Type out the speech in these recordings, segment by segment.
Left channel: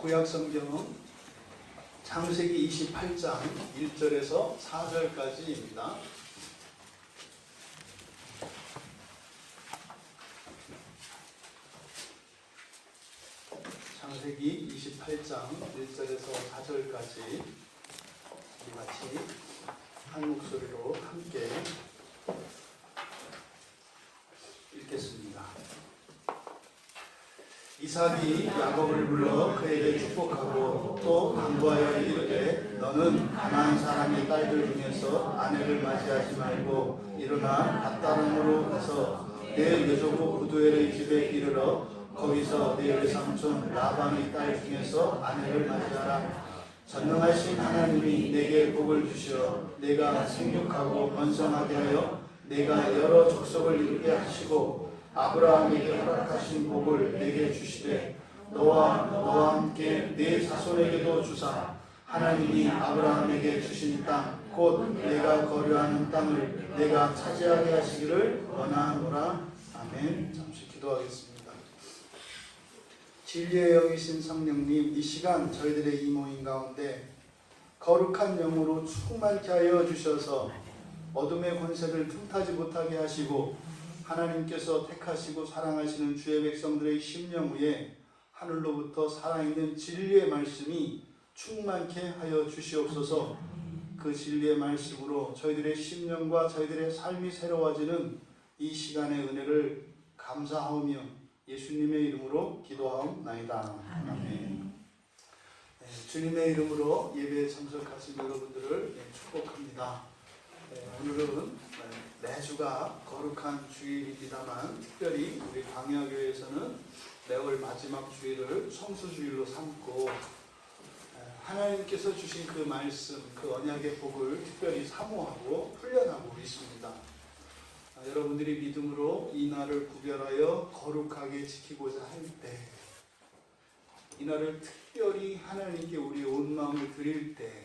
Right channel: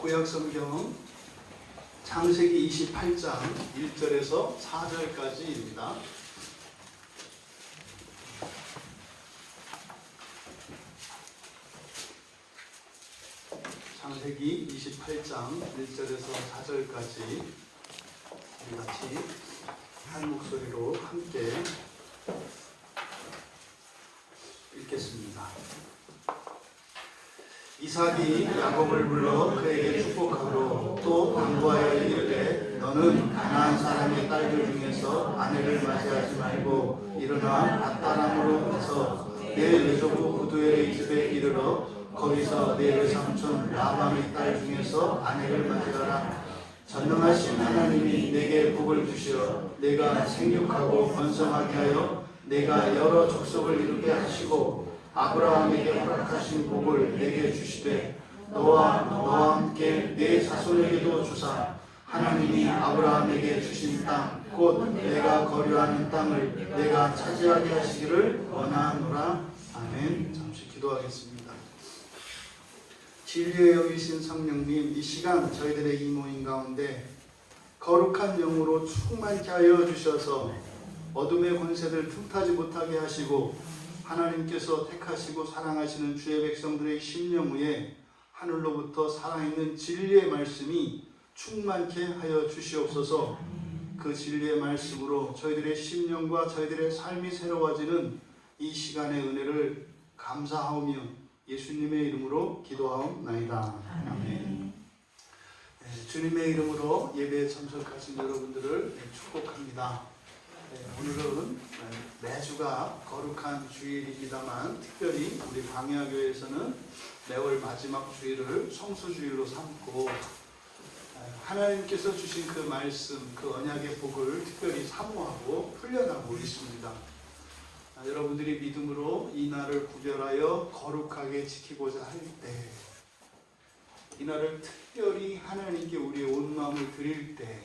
구약성경 창세기 28장 1절에서 4절까지입니다. 창세기 28장 1절에서 4절까지 우리 같이 한 목소리로 함께 읽겠습니다. 이삭이 야곱을 불러 그에게 축복하고 또 당부하여 이르되 너는 가나안 사람의 딸들 중에서 아내를 맞이하지 말고 일어나 앗다람으로 가서 내 외조부 부두엘의 집에 이르러 거기서 내 외삼촌 라반의 딸 중에서 아내를 맞이하라. 전능하신 하나님이 내게 복을 주시어 내가 생육하고 번성하게 하여 내가 여러 족속을 이루게 하시고 아브라함에게 허락하신 복을 내게 주시되 너와 함께 내 자손에게도 주사 하나님이 아브라함에게 주신 땅 곧 내가 거류하는 땅을 내가 차지하게 하시기를 원하노라. 아멘. 잠시 기도하겠습니다. 진리의 영이신 성령님, 이 시간 저희들의 이 모임 가운데 거룩한 영으로 충만케 하여 주셔서 어둠의 권세를 틈타지 못하게 하시고 하나님께서 택하시고 사랑하시는 주의 백성들의 심령 위에 하늘로부터 살아있는 진리의 말씀이 충만케 하여 주시옵소서. 그 진리의 말씀으로 저희들의 심령과 저희들의 삶이 새로워지는 이 시간의 은혜를 감사하오며 예수님의 이름으로 기도하옵나이다. 아멘. 주님의 이름으로 예배에 참석하신 여러분들을 축복합니다. 오늘은 매주가 거룩한 주일입니다만 특별히 우리 광야교회에서는 매월 마지막 주일을 성수주일로 삼고 하나님께서 주신 그 말씀, 그 언약의 복을 특별히 사모하고 훈련하고 있습니다. 여러분들이 믿음으로 이 날을 구별하여 거룩하게 지키고자 할 때, 이 날을 특별히 하나님께 우리의 온 마음을 드릴 때,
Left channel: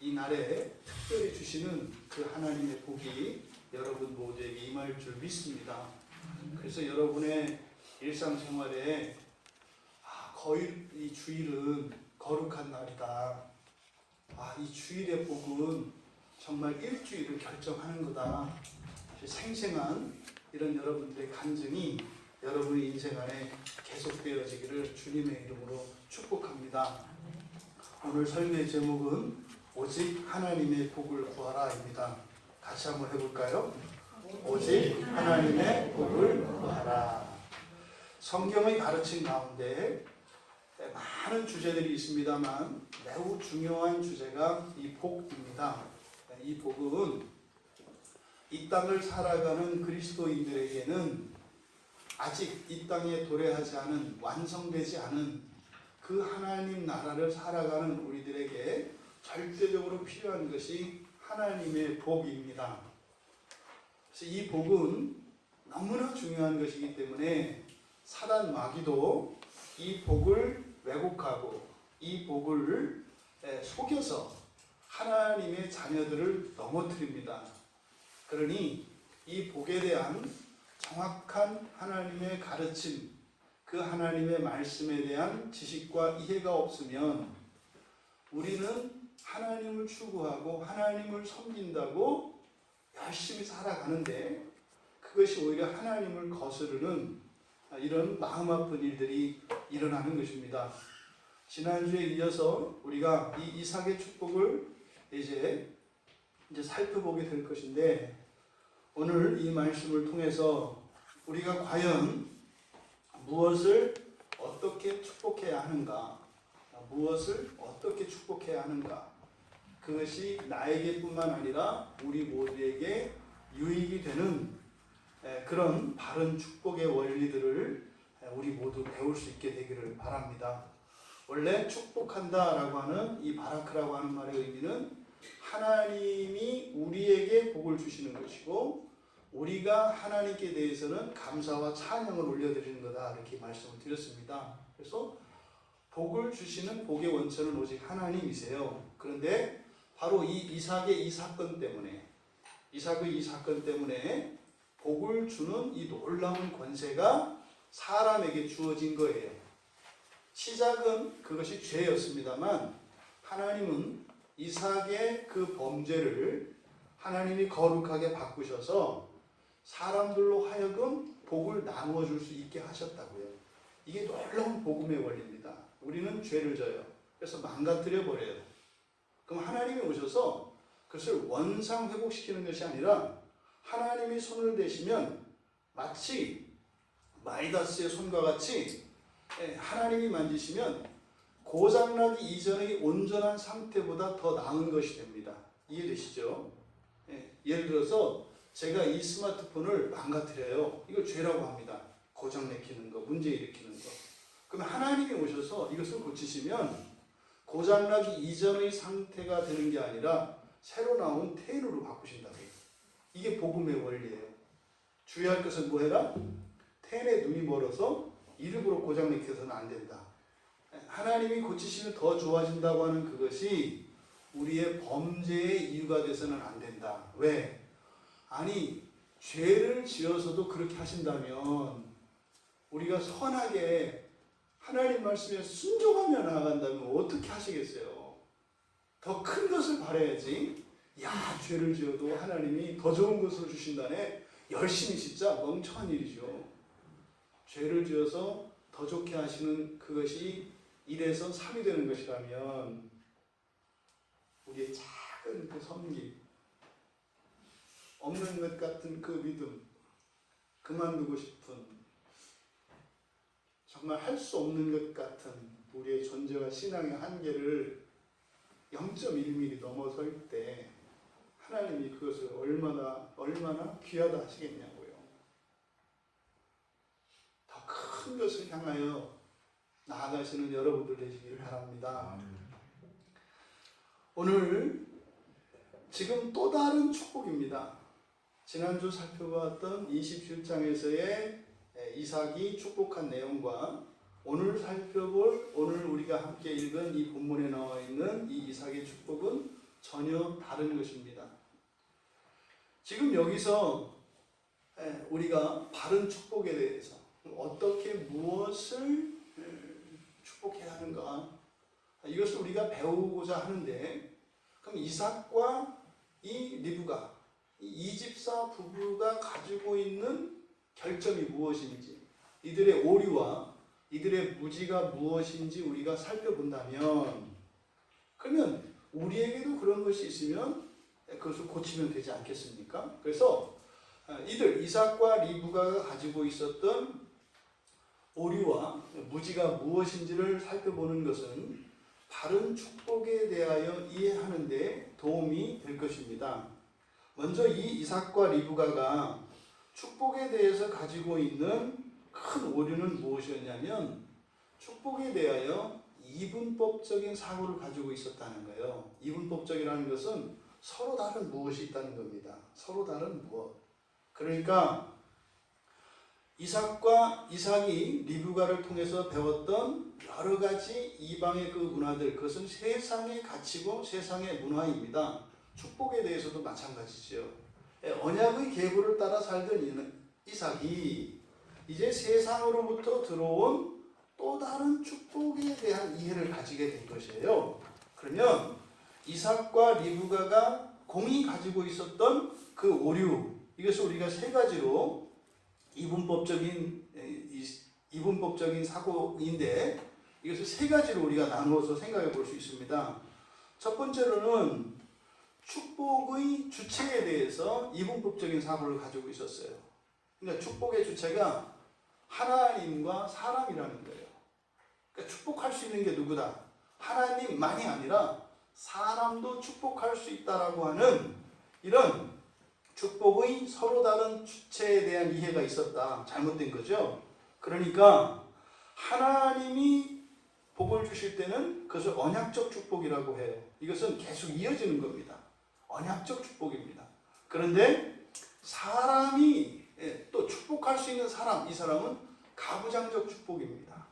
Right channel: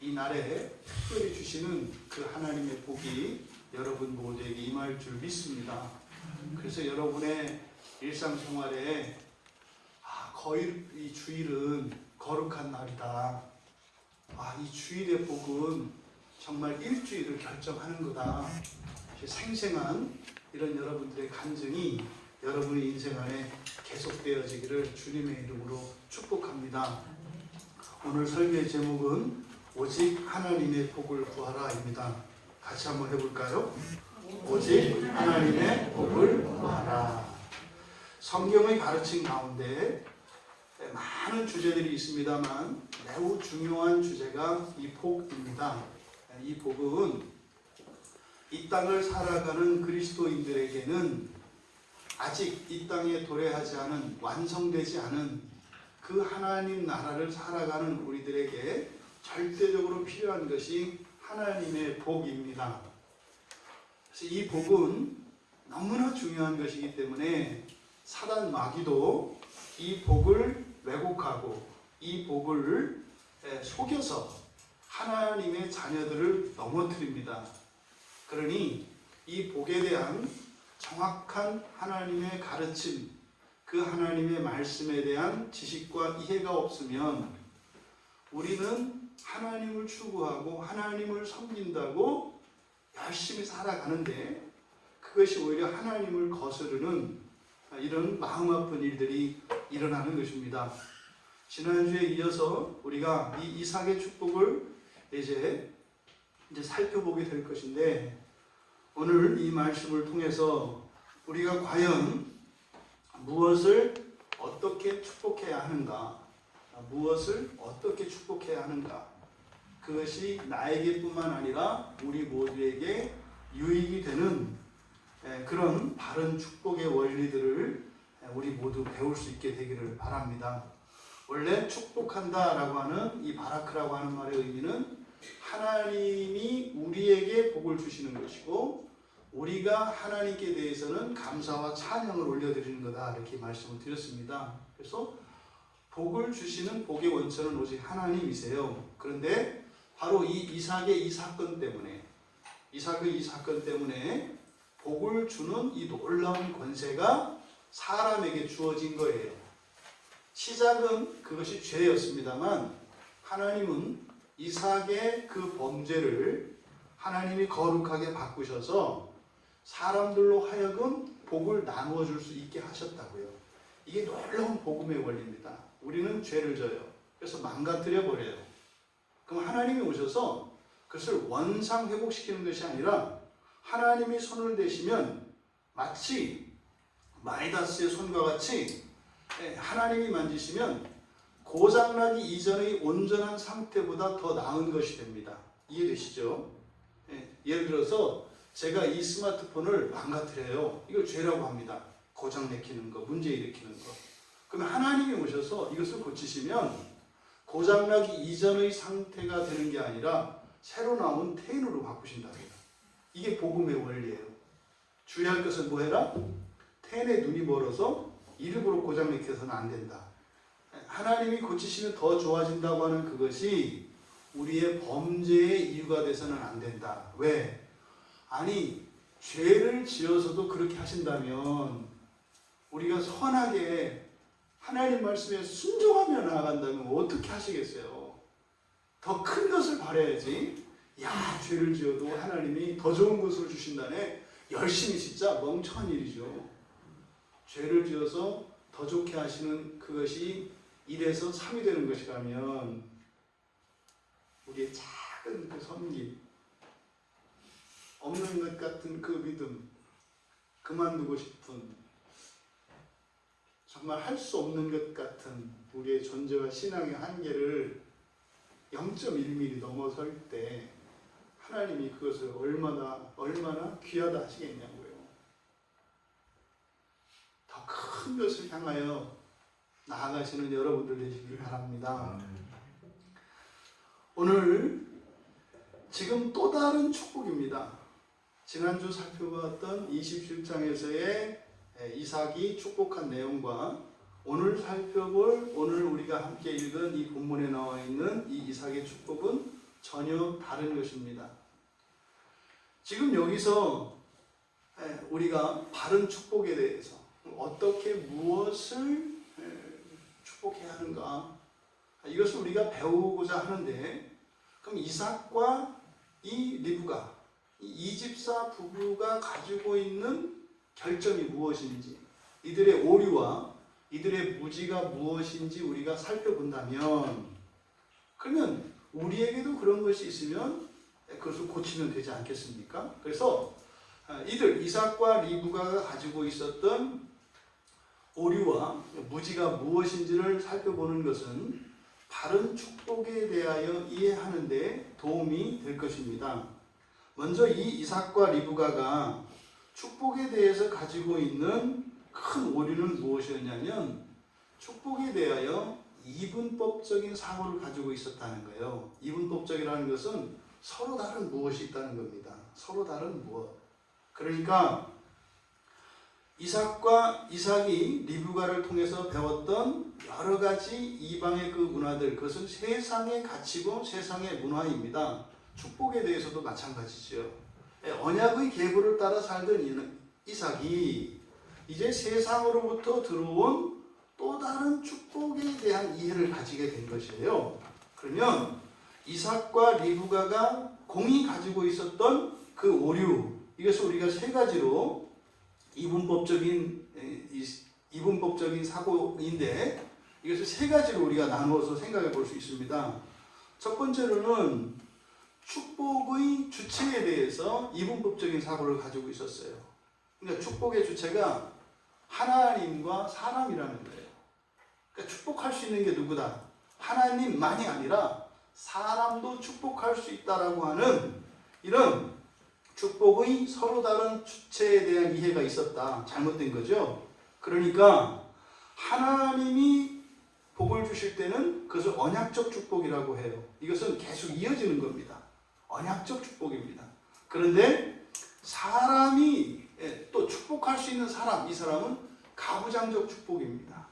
이 날에 특별히 주시는 그 하나님의 복이 여러분 모두에게 임할 줄 믿습니다. 그래서 여러분의 일상생활에 거의 이 주일은 거룩한 날이다. 이 주일의 복은 정말 일주일을 결정하는 거다. 생생한 이런 여러분들의 간증이 여러분의 인생 안에 계속되어지기를 주님의 이름으로 축복합니다. 오늘 설교의 제목은 오직 하나님의 복을 구하라입니다. 같이 한번 해볼까요? 오직 하나님의 복을 구하라. 성경의 가르침 가운데 많은 주제들이 있습니다만 매우 중요한 주제가 이 복입니다. 이 복은 이 땅을 살아가는 그리스도인들에게는 아직 이 땅에 도래하지 않은, 완성되지 않은 그 하나님 나라를 살아가는 우리들에게 절대적으로 필요한 것이 하나님의 복입니다. 그래서 이 복은 너무나 중요한 것이기 때문에 사단 마귀도 이 복을 왜곡하고 이 복을 속여서 하나님의 자녀들을 넘어뜨립니다. 그러니 이 복에 대한 정확한 하나님의 가르침, 그 하나님의 말씀에 대한 지식과 이해가 없으면 우리는 하나님을 추구하고 하나님을 섬긴다고 열심히 살아가는데 그것이 오히려 하나님을 거스르는 이런 마음 아픈 일들이 일어나는 것입니다. 지난주에 이어서 우리가 이 이삭의 축복을 이제 살펴보게 될 것인데 오늘 이 말씀을 통해서 우리가 과연 무엇을 어떻게 축복해야 하는가, 무엇을 어떻게 축복해야 하는가, 그것이 나에게뿐만 아니라 우리 모두에게 유익이 되는 그런 바른 축복의 원리들을 우리 모두 배울 수 있게 되기를 바랍니다. 원래 축복한다라고 하는 이 바라크라고 하는 말의 의미는 하나님이 우리에게 복을 주시는 것이고 우리가 하나님께 대해서는 감사와 찬양을 올려드리는 거다, 이렇게 말씀을 드렸습니다. 그래서 복을 주시는 복의 원천은 오직 하나님이세요. 그런데 바로 이 이삭의 이 사건 때문에 복을 주는 이 놀라운 권세가 사람에게 주어진 거예요. 시작은 그것이 죄였습니다만 하나님은 이삭의 그 범죄를 하나님이 거룩하게 바꾸셔서 사람들로 하여금 복을 나누어 줄 수 있게 하셨다고요. 이게 놀라운 복음의 원리입니다. 우리는 죄를 져요. 그래서 망가뜨려 버려요. 그럼 하나님이 오셔서 그것을 원상 회복시키는 것이 아니라 하나님이 손을 대시면 마치 마이다스의 손과 같이 하나님이 만지시면 고장나기 이전의 온전한 상태보다 더 나은 것이 됩니다. 이해되시죠? 예를 들어서 제가 이 스마트폰을 망가뜨려요. 이걸 죄라고 합니다. 고장 내키는 거, 문제 일으키는 거. 그러면 하나님이 오셔서 이것을 고치시면 고장나기 이전의 상태가 되는 게 아니라 새로 나온 텐으로 바꾸신다고요. 이게 복음의 원리예요. 주의할 것은 뭐해라? 텐의 눈이 멀어서 일부러 고장 내켜서는 안 된다. 하나님이 고치시면 더 좋아진다고 하는 그것이 우리의 범죄의 이유가 돼서는 안 된다. 왜? 아니, 죄를 지어서도 그렇게 하신다면 우리가 선하게 하나님 말씀에 순종하며 나아간다면 어떻게 하시겠어요? 더 큰 것을 바라야지. 야, 죄를 지어도 하나님이 더 좋은 것을 주신다네. 열심히 진짜 멍청한 일이죠. 죄를 지어서 더 좋게 하시는 그것이 1에서 3이 되는 것이라면 우리의 작은 그 섬김, 없는 것 같은 그 믿음, 그만두고 싶은, 정말 할 수 없는 것 같은 우리의 존재와 신앙의 한계를 0.1mm 넘어설 때 하나님이 그것을 얼마나 귀하다 하시겠냐고요. 더 큰 것을 향하여 나아가시는 여러분들 되시길 바랍니다. 오늘 지금 또 다른 축복입니다. 지난주 살펴봤던 27장에서의 이삭이 축복한 내용과 오늘 살펴볼, 오늘 우리가 함께 읽은 이 본문에 나와 있는 이 이삭의 축복은 전혀 다른 것입니다. 지금 여기서 우리가 바른 축복에 대해서 어떻게 무엇을 축복해야 하는가, 이것을 우리가 배우고자 하는데, 그럼 이삭과 이 리브가, 이 집사 부부가 가지고 있는 결점이 무엇인지, 이들의 오류와 이들의 무지가 무엇인지 우리가 살펴본다면, 그러면 우리에게도 그런 것이 있으면 그것을 고치면 되지 않겠습니까? 그래서 이삭과 리브가가 가지고 있었던 오류와 무지가 무엇인지를 살펴보는 것은 바른 축복에 대하여 이해하는 데 도움이 될 것입니다. 먼저 이 이삭과 리브가가 축복에 대해서 가지고 있는 큰 오류는 무엇이었냐면, 축복에 대하여 이분법적인 사고를 가지고 있었다는 거예요. 이분법적이라는 것은 서로 다른 무엇이 있다는 겁니다. 서로 다른 무엇. 그러니까 이삭이 리브가를 통해서 배웠던 여러 가지 이방의 그 문화들, 그것은 세상의 가치고 세상의 문화입니다. 축복에 대해서도 마찬가지죠. 언약의 계보를 따라 살던 이삭이 이제 세상으로부터 들어온 또 다른 축복에 대한 이해를 가지게 된 것이에요. 그러면 이삭과 리브가가 공이 가지고 있었던 그 오류, 이것을 우리가 세 가지로 이분법적인 사고인데, 이것을 세 가지로 우리가 나누어서 생각해 볼 수 있습니다. 첫 번째로는 축복의 주체에 대해서 이분법적인 사고를 가지고 있었어요. 그러니까 축복의 주체가 하나님과 사람이라는 거예요. 그러니까 축복할 수 있는 게 누구다? 하나님만이 아니라 사람도 축복할 수 있다라고 하는 이런 축복의 서로 다른 주체에 대한 이해가 있었다. 잘못된 거죠. 그러니까 하나님이 복을 주실 때는 그것을 언약적 축복이라고 해요. 이것은 계속 이어지는 겁니다. 언약적 축복입니다. 그런데 사람이 또 축복할 수 있는 사람, 이 사람은 가부장적 축복입니다.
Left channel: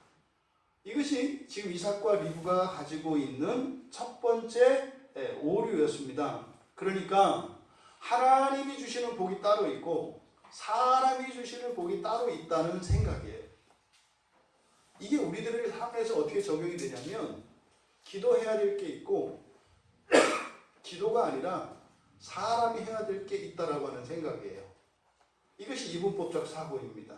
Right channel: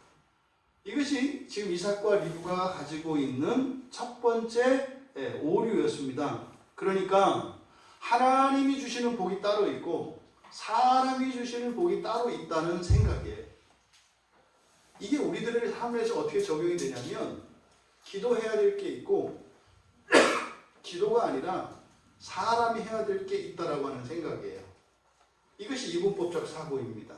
이것이 지금 이삭과 리브가가 가지고 있는 첫 번째 오류였습니다. 그러니까 하나님이 주시는 복이 따로 있고 사람이 주시는 복이 따로 있다는 생각이에요. 이게 우리들의 삶에서 어떻게 적용이 되냐면 기도해야 될 게 있고 기도가 아니라 사람이 해야 될 게 있다라고 하는 생각이에요. 이것이 이분법적 사고입니다.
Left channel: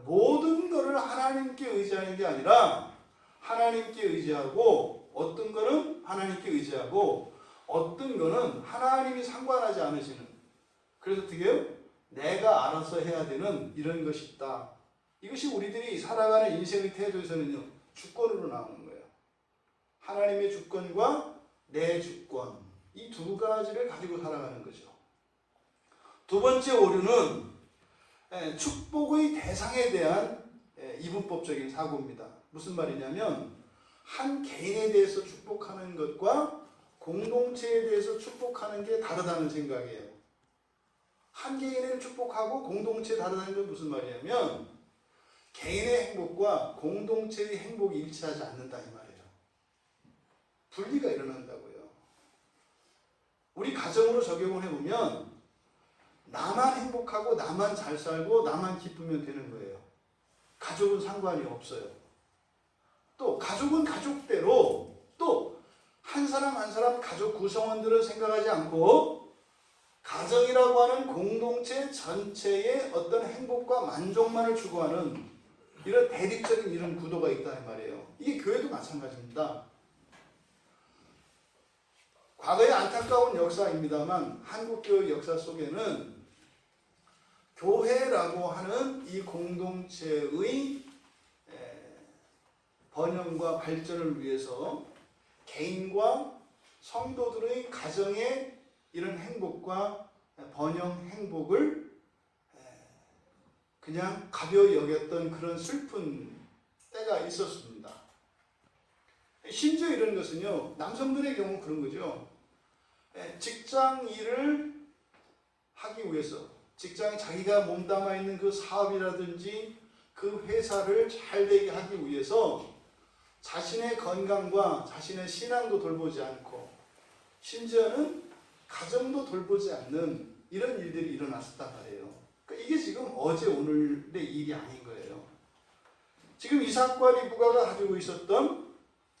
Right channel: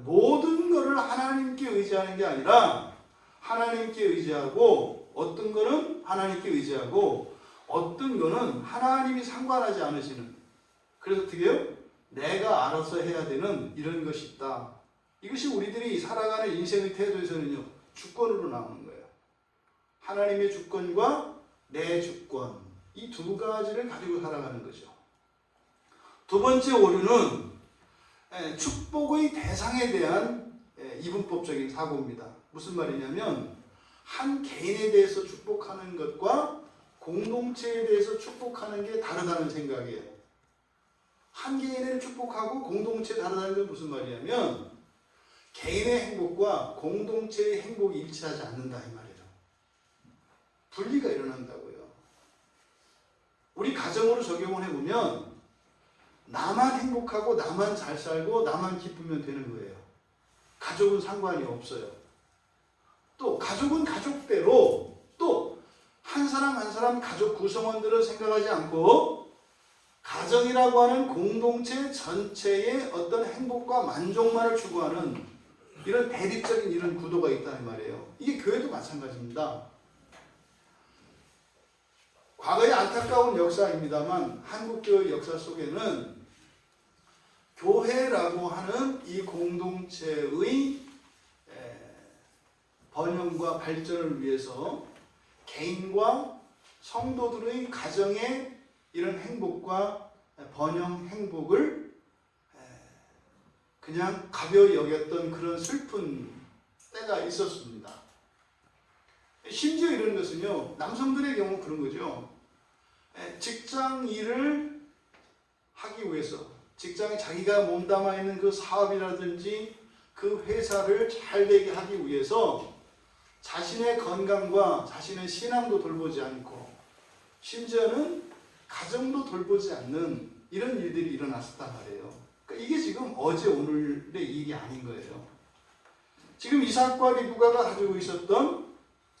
모든 것을 하나님께 의지하는 게 아니라 하나님께 의지하고 어떤 거는 하나님께 의지하고 어떤 거는 하나님이 상관하지 않으시는, 그래서 어떻게 해요? 내가 알아서 해야 되는 이런 것이 있다. 이것이 우리들이 살아가는 인생의 태도에서는요, 주권으로 나오는 거예요. 하나님의 주권과 내 주권, 이 두 가지를 가지고 살아가는 거죠. 두 번째 오류는 축복의 대상에 대한 이분법적인 사고입니다. 무슨 말이냐면 한 개인에 대해서 축복하는 것과 공동체에 대해서 축복하는 게 다르다는 생각이에요. 한 개인을 축복하고 공동체에 다르다는 건 무슨 말이냐면 개인의 행복과 공동체의 행복이 일치하지 않는다 이 말이에요. 분리가 일어난다고요. 우리 가정으로 적용을 해보면 나만 행복하고 나만 잘 살고 나만 기쁘면 되는 거예요. 가족은 상관이 없어요. 또 가족은 가족대로 또 한 사람 한 사람 가족 구성원들을 생각하지 않고 가정이라고 하는 공동체 전체의 어떤 행복과 만족만을 추구하는 이런 대립적인 이런 구도가 있다는 말이에요. 이게 교회도 마찬가지입니다. 과거의 안타까운 역사입니다만 한국교회 역사 속에는 교회라고 하는 이 공동체의 번영과 발전을 위해서 개인과 성도들의 가정의 이런 행복과 번영 행복을 그냥 가벼이 여겼던 그런 슬픈 때가 있었습니다. 심지어 이런 것은요, 남성들의 경우 그런 거죠. 직장 일을 하기 위해서 직장에 자기가 몸담아 있는 그 사업이라든지 그 회사를 잘 되게 하기 위해서 자신의 건강과 자신의 신앙도 돌보지 않고 심지어는 가정도 돌보지 않는 이런 일들이 일어났었단 말이에요. 그러니까 이게 지금 어제 오늘의 일이 아닌 거예요. 지금 이삭과 리브가가 가지고 있었던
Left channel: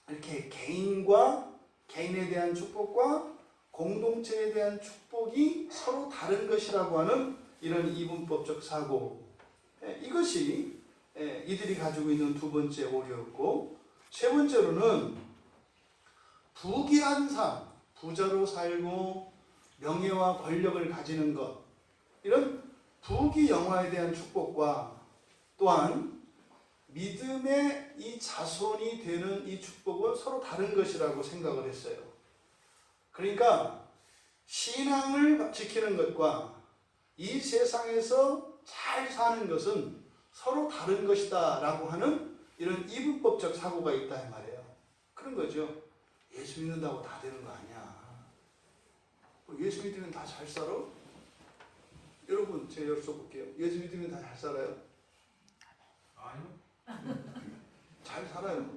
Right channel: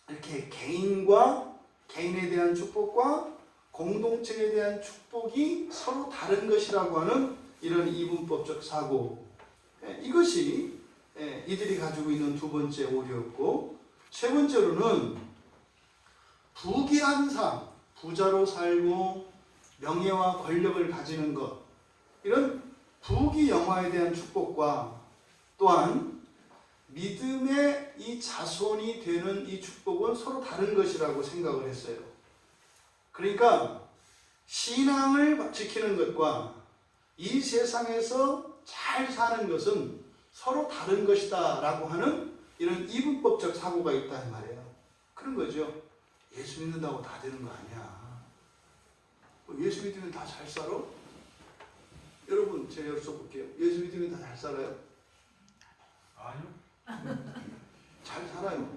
이렇게 개인과 개인에 대한 축복과 공동체에 대한 축복이 서로 다른 것이라고 하는 이런 이분법적 사고, 이것이 이들이 가지고 있는 두 번째 오류였고, 세 번째로는 부귀한 삶, 부자로 살고 명예와 권력을 가지는 것, 이런 부귀영화에 대한 축복과 또한 믿음의 이 자손이 되는 이 축복은 서로 다른 것이라고 생각을 했어요. 그러니까 신앙을 지키는 것과 이 세상에서 잘 사는 것은 서로 다른 것이다 라고 하는 이런 이분법적 사고가 있다는 말이에요. 그런 거죠. 예수 믿는다고 다 되는 거 아니야. 예수 믿으면 다 잘 살아? 여러분 제가 여쭤볼게요. 예수 믿으면 다 잘 살아요? 아니요. 잘 살아요.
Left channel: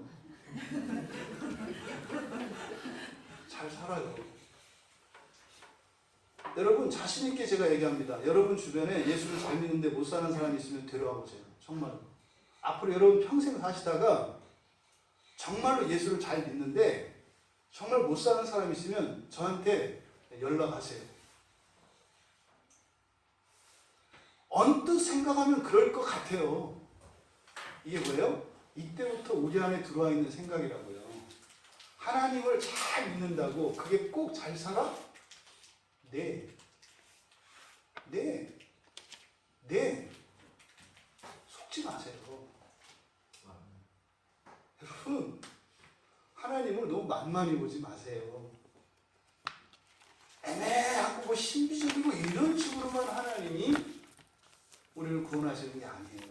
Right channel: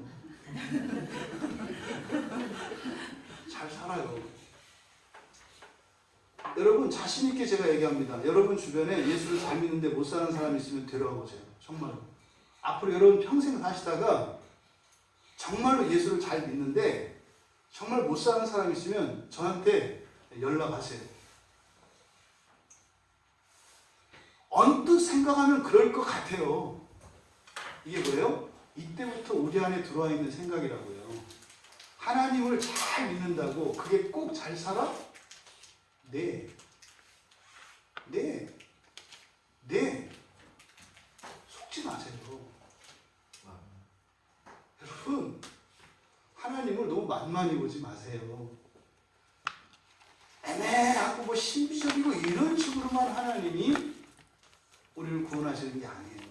잘 살아요. 여러분 자신 있게 제가 얘기합니다. 여러분 주변에 예수를 잘 믿는데 못 사는 사람이 있으면 데려와 보세요. 정말. 앞으로 여러분 평생 사시다가 정말로 예수를 잘 믿는데 정말 못 사는 사람이 있으면 저한테 연락하세요. 언뜻 생각하면 그럴 것 같아요. 이게 뭐예요? 이때부터 우리 안에 들어와 있는 생각이라고요. 하나님을 잘 믿는다고 그게 꼭 잘 살아? 네. 속지 마세요. 여러분, 하나님을 너무 만만히 보지 마세요. 애매하고 뭐 신비적이고 이런 식으로만 하나님이 우리를 구원하시는 게 아니에요.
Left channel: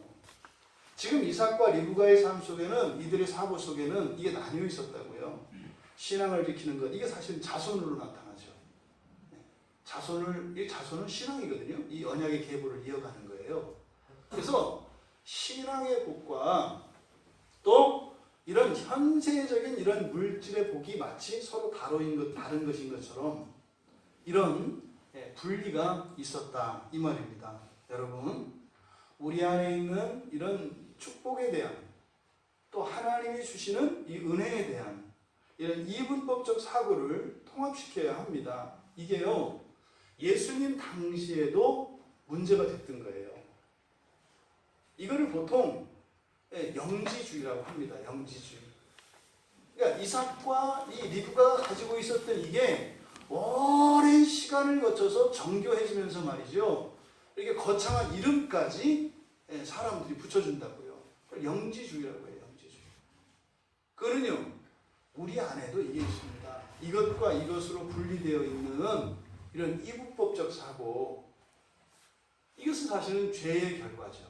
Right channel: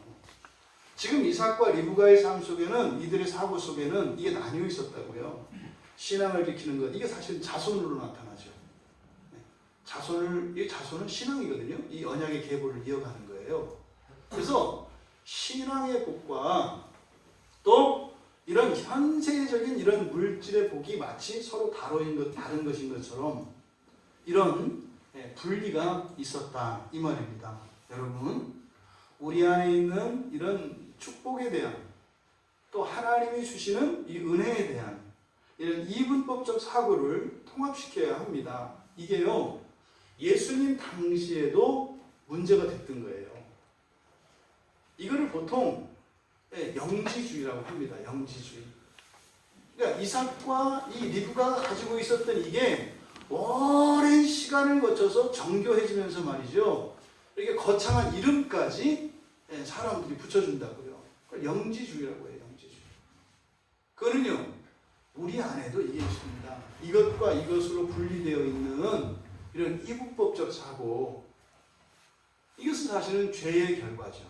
지금 이삭과 리브가의 삶 속에는, 이들의 사고 속에는 이게 나뉘어 있었다고요. 신앙을 지키는 것, 이게 사실 자손으로 나타나죠. 이 자손은 신앙이거든요. 이 언약의 계보를 이어가는 거예요. 그래서 신앙의 복과 또 이런 현세적인 이런 물질의 복이 마치 서로 다른 것인 것처럼 이런 분리가 있었다 이 말입니다. 여러분, 우리 안에 있는 이런 축복에 대한 또 하나님이 주시는 이 은혜에 대한 이런 이분법적 사고를 통합시켜야 합니다. 이게요, 예수님 당시에도 문제가 됐던 거예요. 이거를 보통 영지주의라고 합니다. 영지주의. 그러니까 이삭과 이 리브가가 가지고 있었던 이게 오랜 시간을 거쳐서 정교해지면서 말이죠. 이렇게 거창한 이름까지 사람들이 붙여준다고요. 영지주의라고 해요. 영지주의. 그거는요, 우리 안에도 이게 있습니다. 이것과 이것으로 분리되어 있는 이런 이분법적 사고, 이것은 사실은 죄의 결과죠.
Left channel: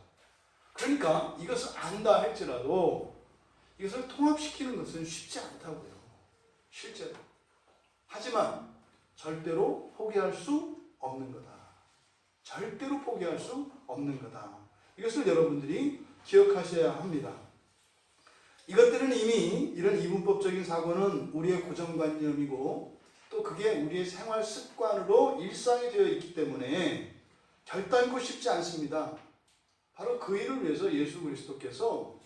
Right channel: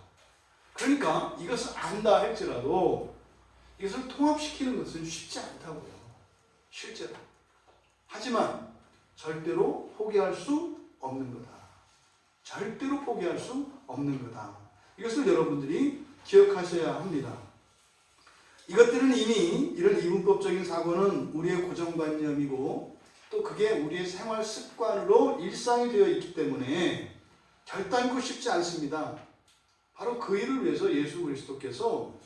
그러니까 이것을 안다 할지라도 이것을 통합시키는 것은 쉽지 않다고요. 실제로. 하지만 절대로 포기할 수 없는 거다. 절대로 포기할 수 없는 거다. 이것을 여러분들이 기억하셔야 합니다. 이것들은 이미 이런 이분법적인 사고는 우리의 고정관념이고 또 그게 우리의 생활 습관으로 일상이 되어 있기 때문에 결단코 쉽지 않습니다. 바로 그 일을 위해서 예수 그리스도께서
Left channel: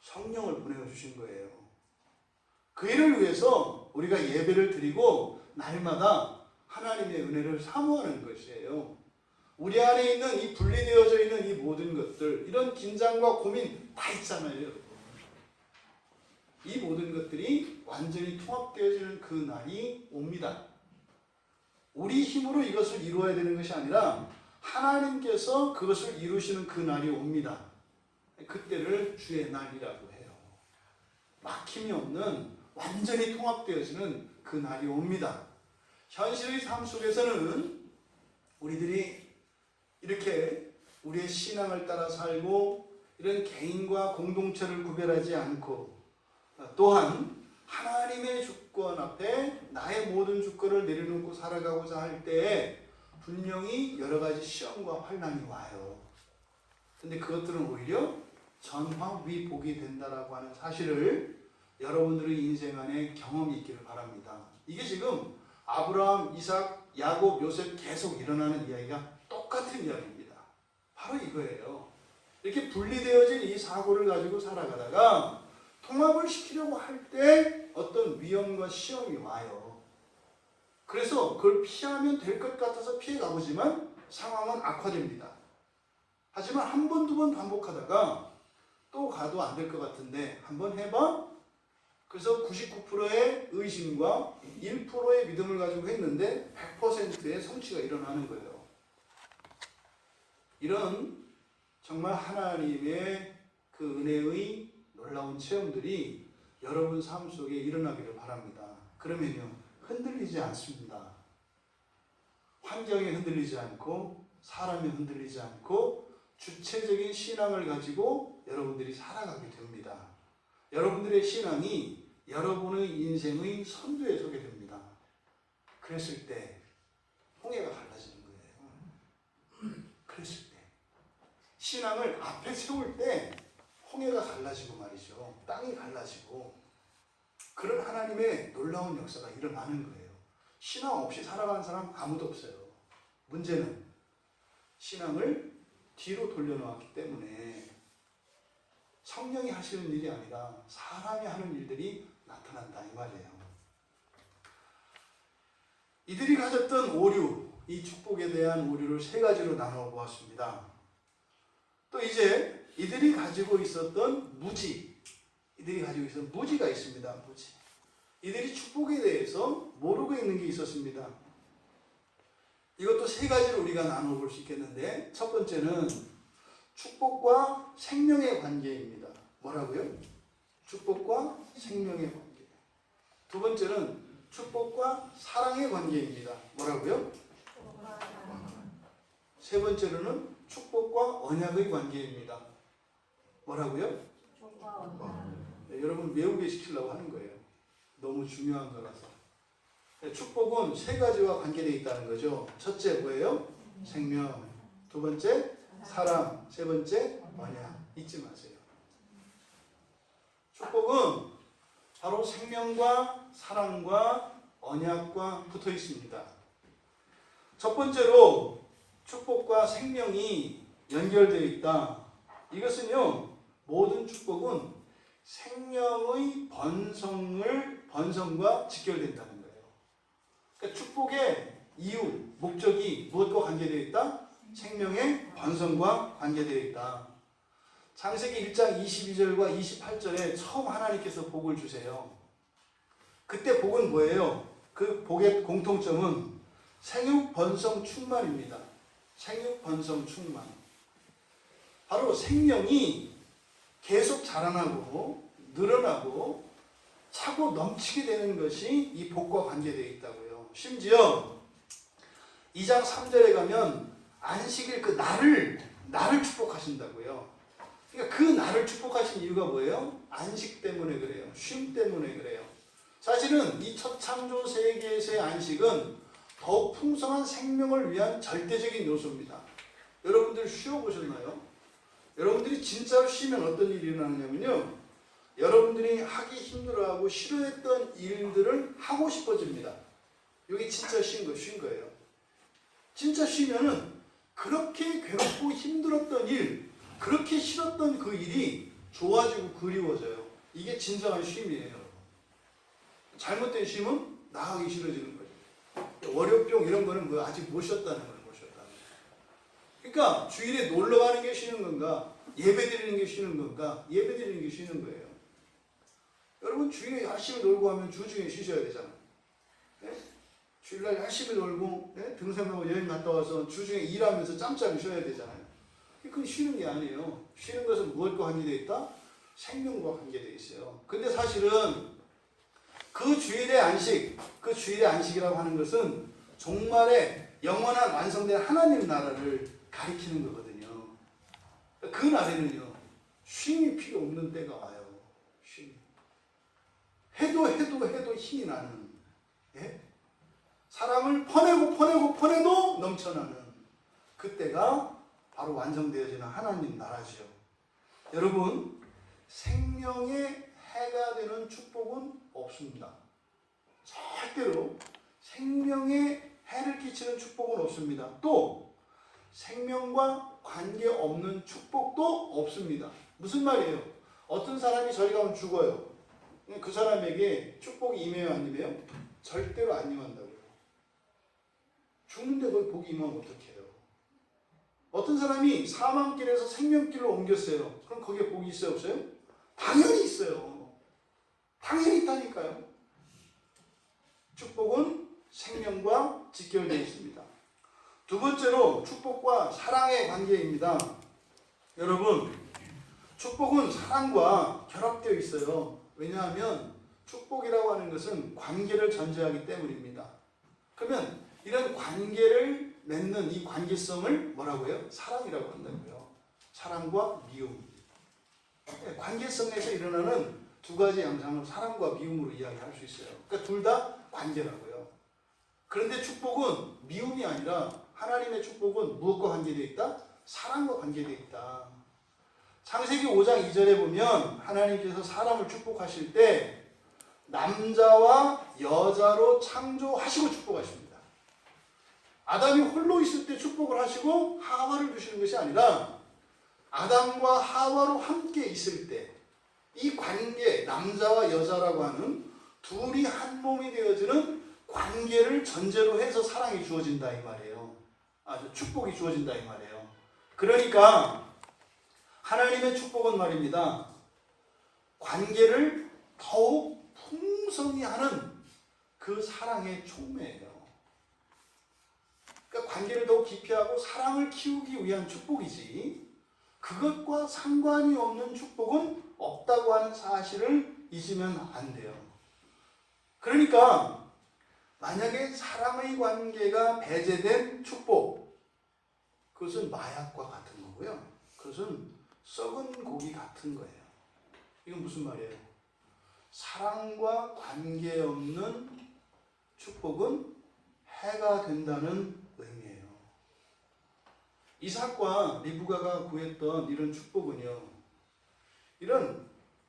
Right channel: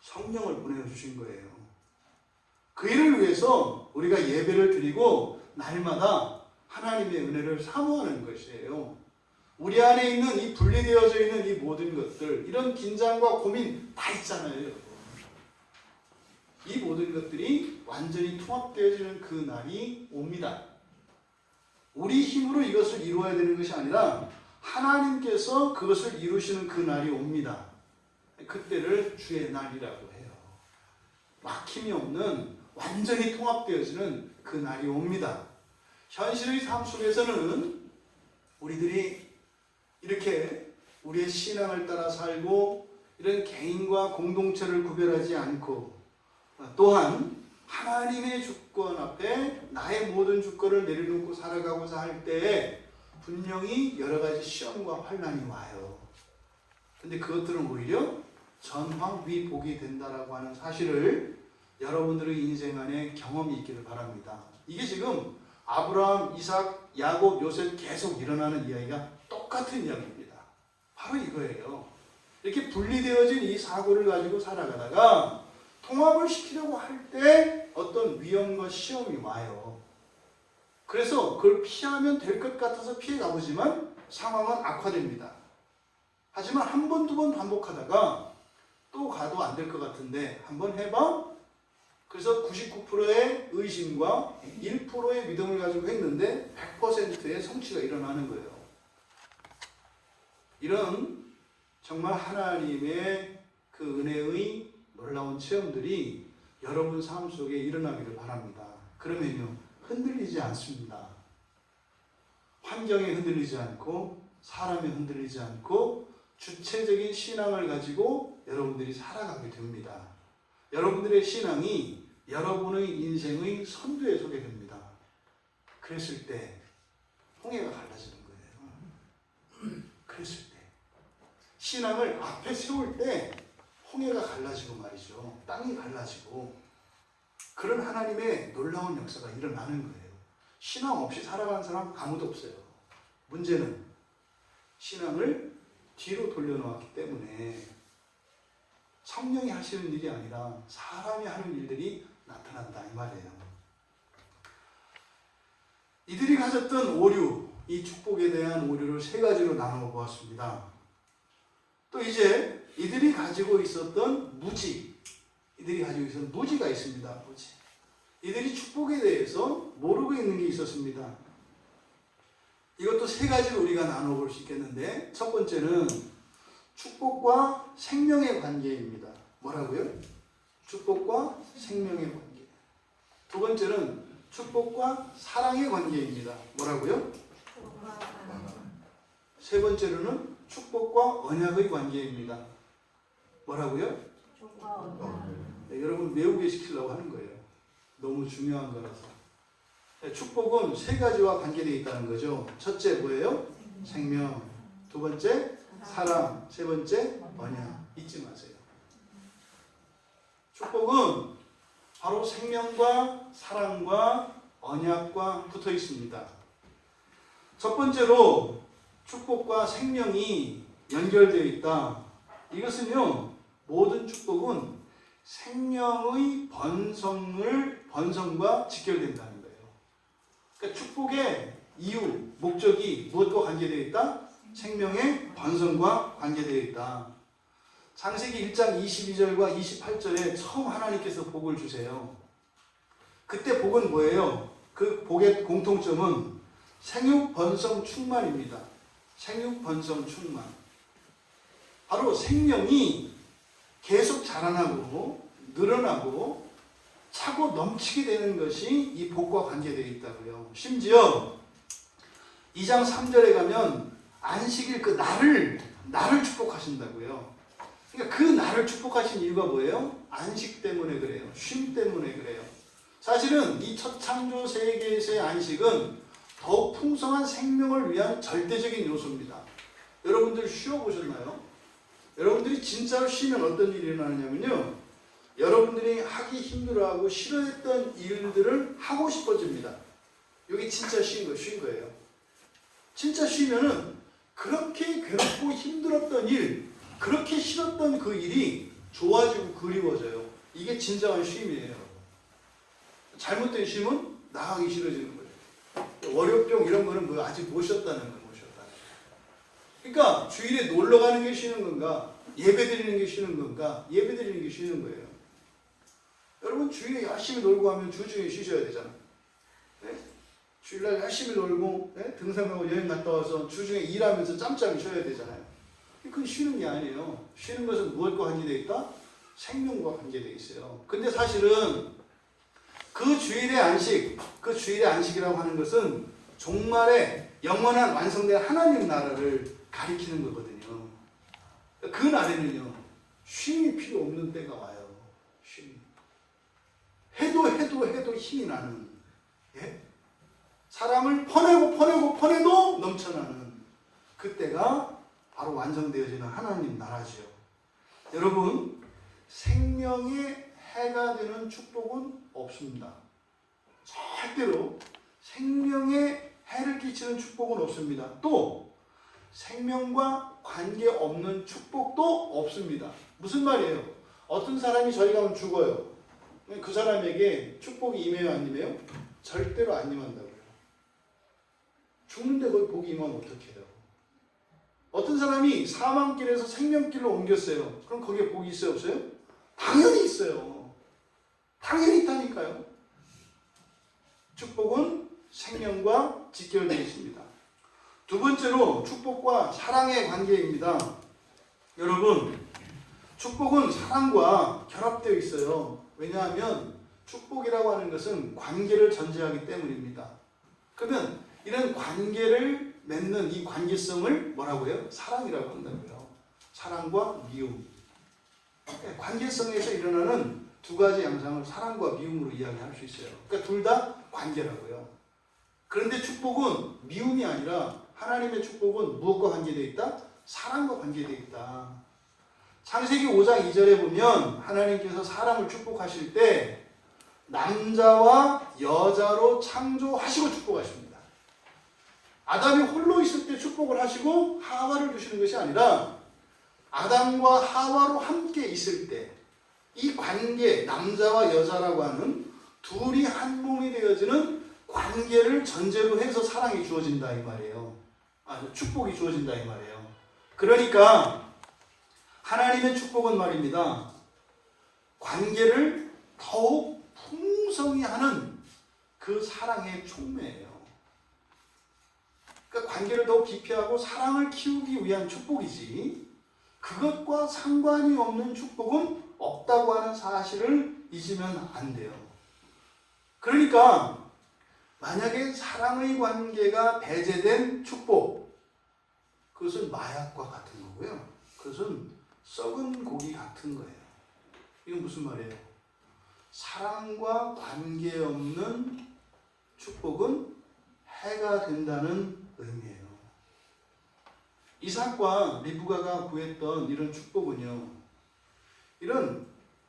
성령을 보내주신 거예요. 그 일을 위해서 우리가 예배를 드리고 날마다 하나님의 은혜를 사모하는 것이에요. 우리 안에 있는 이 분리되어져 있는 이 모든 것들, 이런 긴장과 고민 다 있잖아요, 여러분. 이 모든 것들이 완전히 통합되어지는 그 날이 옵니다. 우리 힘으로 이것을 이루어야 되는 것이 아니라 하나님께서 그것을 이루시는 그 날이 옵니다. 그때를 주의 날이라고 해요. 막힘이 없는 완전히 통합되어지는 그 날이 옵니다. 현실의 삶 속에서는 우리들이 이렇게 우리의 신앙을 따라 살고 이런 개인과 공동체를 구별하지 않고 또한 하나님의 주권 앞에 나의 모든 주권을 내려놓고 살아가고자 할 때에 분명히 여러 가지 시험과 환난이 와요. 근데 그것들은 오히려 전황위복이 된다라고 하는 사실을 여러분들의 인생 안에 경험이 있기를 바랍니다. 이게 지금 아브라함, 이삭, 야곱, 요셉 계속 일어나는 이야기가 똑같은 이야기입니다. 바로 이거예요. 이렇게 분리되어진 이 사고를 가지고 살아가다가 통합을 시키려고 할 때 어떤 위험과 시험이 와요. 그래서 그걸 피하면 될 것 같아서 피해 가보지만 상황은 악화됩니다. 하지만 한 번, 두 번 반복하다가 또 가도 안 될 것 같은데 한번 해봐? 그래서 99%의 의심과 1%의 믿음을 가지고 했는데 100%의 성취가 일어나는 거예요. 이런 정말 하나님의 그 은혜의 놀라운 체험들이 여러분 삶 속에 일어나기를 바랍니다. 그러면요, 흔들리지 않습니다. 환경에 흔들리지 않고 사람에 흔들리지 않고 주체적인 신앙을 가지고 여러분들이 살아가게 됩니다. 여러분들의 신앙이 여러분의 인생의 선두에 서게 됩니다. 그랬을 때 홍해가 갈라지는 거예요. 그랬을 때 신앙을 앞에 세울 때 홍해가 갈라지고 말이죠. 땅이 갈라지고 그런 하나님의 놀라운 역사가 일어나는 거예요. 신앙 없이 살아가는 사람 아무도 없어요. 문제는 신앙을 뒤로 돌려놓았기 때문에 성령이 하시는 일이 아니라 사람이 하는 일들이 나타난다 이 말이에요. 이들이 가졌던 오류, 이 축복에 대한 오류를 세 가지로 나누어 보았습니다. 또 이제 이들이 가지고 있었던 무지, 이들이 가지고 있었던 무지가 있습니다. 무지. 이들이 축복에 대해서 모르고 있는 게 있었습니다. 이것도 세 가지로 우리가 나누어 볼 수 있겠는데, 첫 번째는 축복과 생명의 관계입니다. 뭐라고요? 축복과 생명의 관계. 두 번째는 축복과 사랑의 관계입니다. 뭐라고요? 세 번째로는 축복과 언약의 관계입니다. 뭐라고요? 네, 여러분 외우게 시키려고 하는 거예요. 너무 중요한 거라서. 네, 축복은 세 가지와 관계되어 있다는 거죠. 첫째 뭐예요? 생명. 두 번째 사랑. 세 번째 언약. 잊지 마세요. 축복은 바로 생명과 사랑과 언약과 붙어 있습니다. 첫 번째로 축복과 생명이 연결되어 있다. 이것은요, 모든 축복은 생명의 번성과 직결된다는 거예요. 그러니까 축복의 이유, 목적이 무엇과 관계되어 있다? 생명의 번성과 관계되어 있다. 창세기 1장 22절과 28절에 처음 하나님께서 복을 주세요. 그때 복은 뭐예요? 그 복의 공통점은 생육 번성 충만입니다. 생육 번성 충만. 바로 생명이 계속 자라나고 늘어나고 차고 넘치게 되는 것이 이 복과 관계되어 있다고요. 심지어 2장 3절에 가면 안식일 그 날을 축복하신다고요. 그러니까 그 날을 축복하신 이유가 뭐예요? 안식 때문에 그래요. 쉼 때문에 그래요. 사실은 이 첫 창조 세계에서의 안식은 더욱 풍성한 생명을 위한 절대적인 요소입니다. 여러분들 쉬어보셨나요? 여러분들이 진짜로 쉬면 어떤 일이 일어나냐면요, 여러분들이 하기 힘들어하고 싫어했던 일들을 하고 싶어집니다. 이게 진짜 쉰 거예요. 진짜 쉬면은 그렇게 괴롭고 힘들었던 일, 그렇게 싫었던 그 일이 좋아지고 그리워져요. 이게 진정한 쉼이에요. 잘못된 쉼은 나가기 싫어지는 거예요. 월요병 이런 거는 뭐 아직 못 쉬었다는 거예요. 그러니까 주일에 놀러 가는 게 쉬는 건가? 예배 드리는 게 쉬는 건가? 예배 드리는 게 쉬는 거예요. 여러분 주일에 열심히 놀고 하면 주중에 쉬셔야 되잖아요. 네? 주일날 열심히 놀고 등산하고 여행 갔다 와서 주중에 일하면서 짬짬이 쉬어야 되잖아요. 그건 쉬는 게 아니에요. 쉬는 것은 무엇과 관계되어 있다? 생명과 관계되어 있어요. 근데 사실은 그 주일의 안식이라고 하는 것은 종말에 영원한 완성된 하나님 나라를 가리키는 거거든요. 그 날에는요, 쉼이 필요 없는 때가 와요. 쉼이. 해도 힘이 나는, 사람을 퍼내도 넘쳐나는 그때가 바로 완성되어지는 하나님 나라죠. 여러분, 생명의 해가 되는 축복은 없습니다. 절대로 생명에 해를 끼치는 축복은 없습니다. 또 생명과 관계없는 축복도 없습니다. 무슨 말이에요? 어떤 사람이 저희 가면 죽어요. 그 사람에게 축복이 임해요, 안 임해요? 절대로 안 임한다고요. 죽는데 거기 복이 임하면 어떡해요? 어떤 사람이 사망길에서 생명길로 옮겼어요. 그럼 거기에 복이 있어요, 없어요? 당연히 있어요. 당연히 있다니까요. 축복은 생명과 직결되어 있습니다. 두 번째로 축복과 사랑의 관계입니다. 여러분, 축복은 사랑과 결합되어 있어요. 왜냐하면 축복이라고 하는 것은 관계를 전제하기 때문입니다. 그러면 이런 관계를 맺는 이 관계성을 뭐라고요? 사랑이라고 한다고요. 사랑과 미움. 관계성에서 일어나는 두 가지 양상을 사랑과 미움으로 이야기할 수 있어요. 그러니까 둘 다 관계라고요. 그런데 축복은 미움이 아니라 하나님의 축복은 무엇과 관계되어 있다? 사랑과 관계되어 있다. 창세기 5장 2절에 보면 하나님께서 사람을 축복하실 때 남자와 여자로 창조하시고 축복하십니다. 아담이 홀로 있을 때 축복을 하시고 하와를 주시는 것이 아니라 아담과 하와로 함께 있을 때 이 관계, 남자와 여자라고 하는 둘이 한 몸이 되어지는 관계를 전제로 해서 사랑이 주어진다 이 말이에요. 축복이 주어진다 이 말이에요. 그러니까 하나님의 축복은 말입니다. 관계를 더욱 풍성히 하는 그 사랑의 촉매예요. 그러니까 관계를 더욱 깊이 하고 사랑을 키우기 위한 축복이지, 그것과 상관이 없는 축복은 없다고 하는 사실을 잊으면 안 돼요. 그러니까 만약에 사랑의 관계가 배제된 축복, 그것은 마약과 같은 거고요. 그것은 썩은 고기 같은 거예요. 이건 무슨 말이에요? 사랑과 관계없는 축복은 해가 된다는 의미예요. 이삭과 리브가가 구했던 이런 축복은요,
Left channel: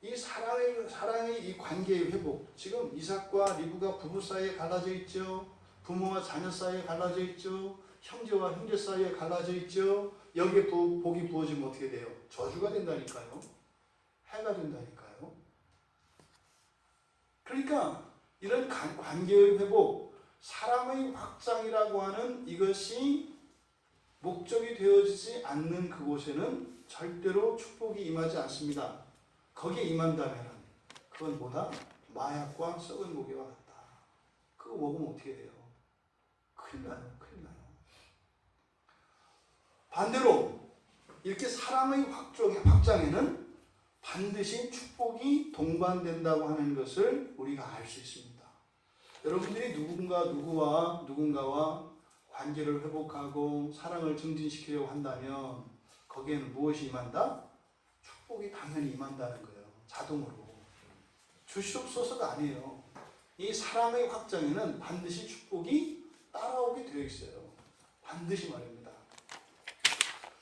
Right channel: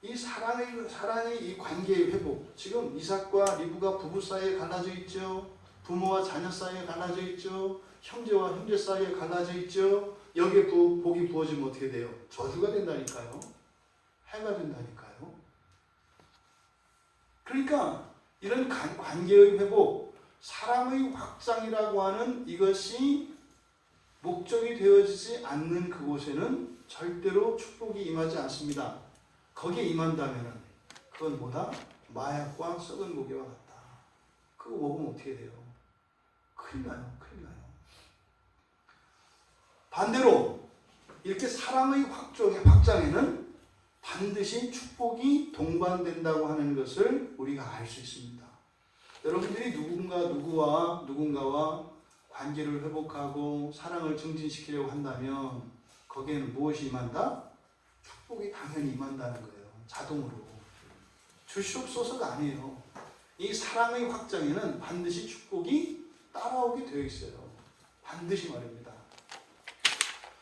이 사랑의 이 관계의 회복, 지금 이삭과 리브가 부부 사이에 갈라져 있죠. 부모와 자녀 사이에 갈라져 있죠. 형제와 형제 사이에 갈라져 있죠. 여기에 복이 부어지면 어떻게 돼요? 저주가 된다니까요. 해가 된다니까요. 그러니까 이런 관계의 회복, 사랑의 확장이라고 하는 이것이 목적이 되어지지 않는 그곳에는 절대로 축복이 임하지 않습니다. 거기에 임한다면 그건 뭐다? 마약과 썩은 고기와 같다. 그거 먹으면 어떻게 돼요? 큰일 나요. 큰일 나요. 반대로 이렇게 사랑의 확장에는 반드시 축복이 동반된다고 하는 것을 우리가 알 수 있습니다. 여러분들이 누군가와 관계를 회복하고 사랑을 증진시키려고 한다면 거기에는 무엇이 임한다? 축복이 당연히 임한다는 거예요. 자동으로. 주시옵소서가 아니에요. 이 사랑의 확장에는 반드시 축복이 따라오게 되어 있어요. 반드시 말입니다.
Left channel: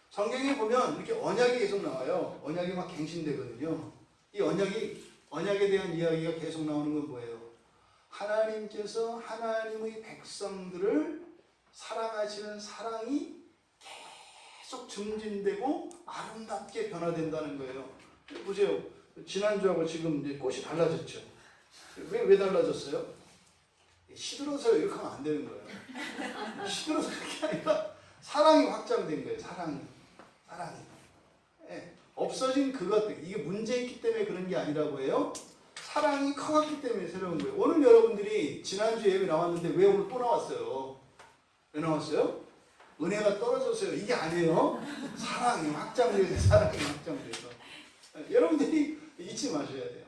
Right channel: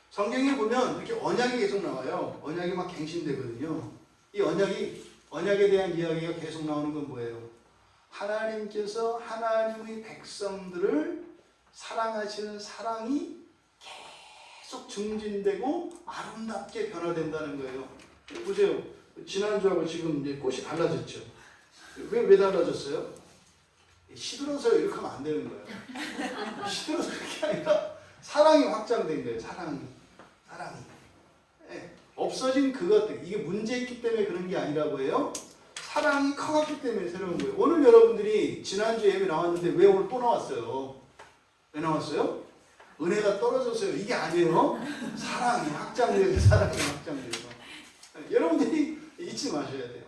성경에 보면 이렇게 언약이 계속 나와요. 언약이 막 갱신되거든요. 이 언약에 대한 이야기가 계속 나오는 건 뭐예요? 하나님께서 하나님의 백성들을 사랑하시는 사랑이 계속 증진되고 아름답게 변화된다는 거예요. 보세요. 지난주하고 지금 이제 꽃이 달라졌죠. 왜 달라졌어요? 시들어서 이렇게 하면 안 되는 거예요. 시들어서 그렇게 아니라 사랑이 확장된 거예요. 사랑이. 예, 없어진 그것들, 이게 문제 있기 때문에 그런 게 아니라고 해요. 사랑이 커갔기 때문에 새로운 거예요. 오늘 여러분들이 지난주 예배 나왔는데 왜 오늘 또 나왔어요? 왜 나왔어요? 은혜가 떨어졌어요. 이게 아니에요. 사랑이 확장돼서 사랑이 확장돼서. 여러분들이 잊지 마셔야 돼요.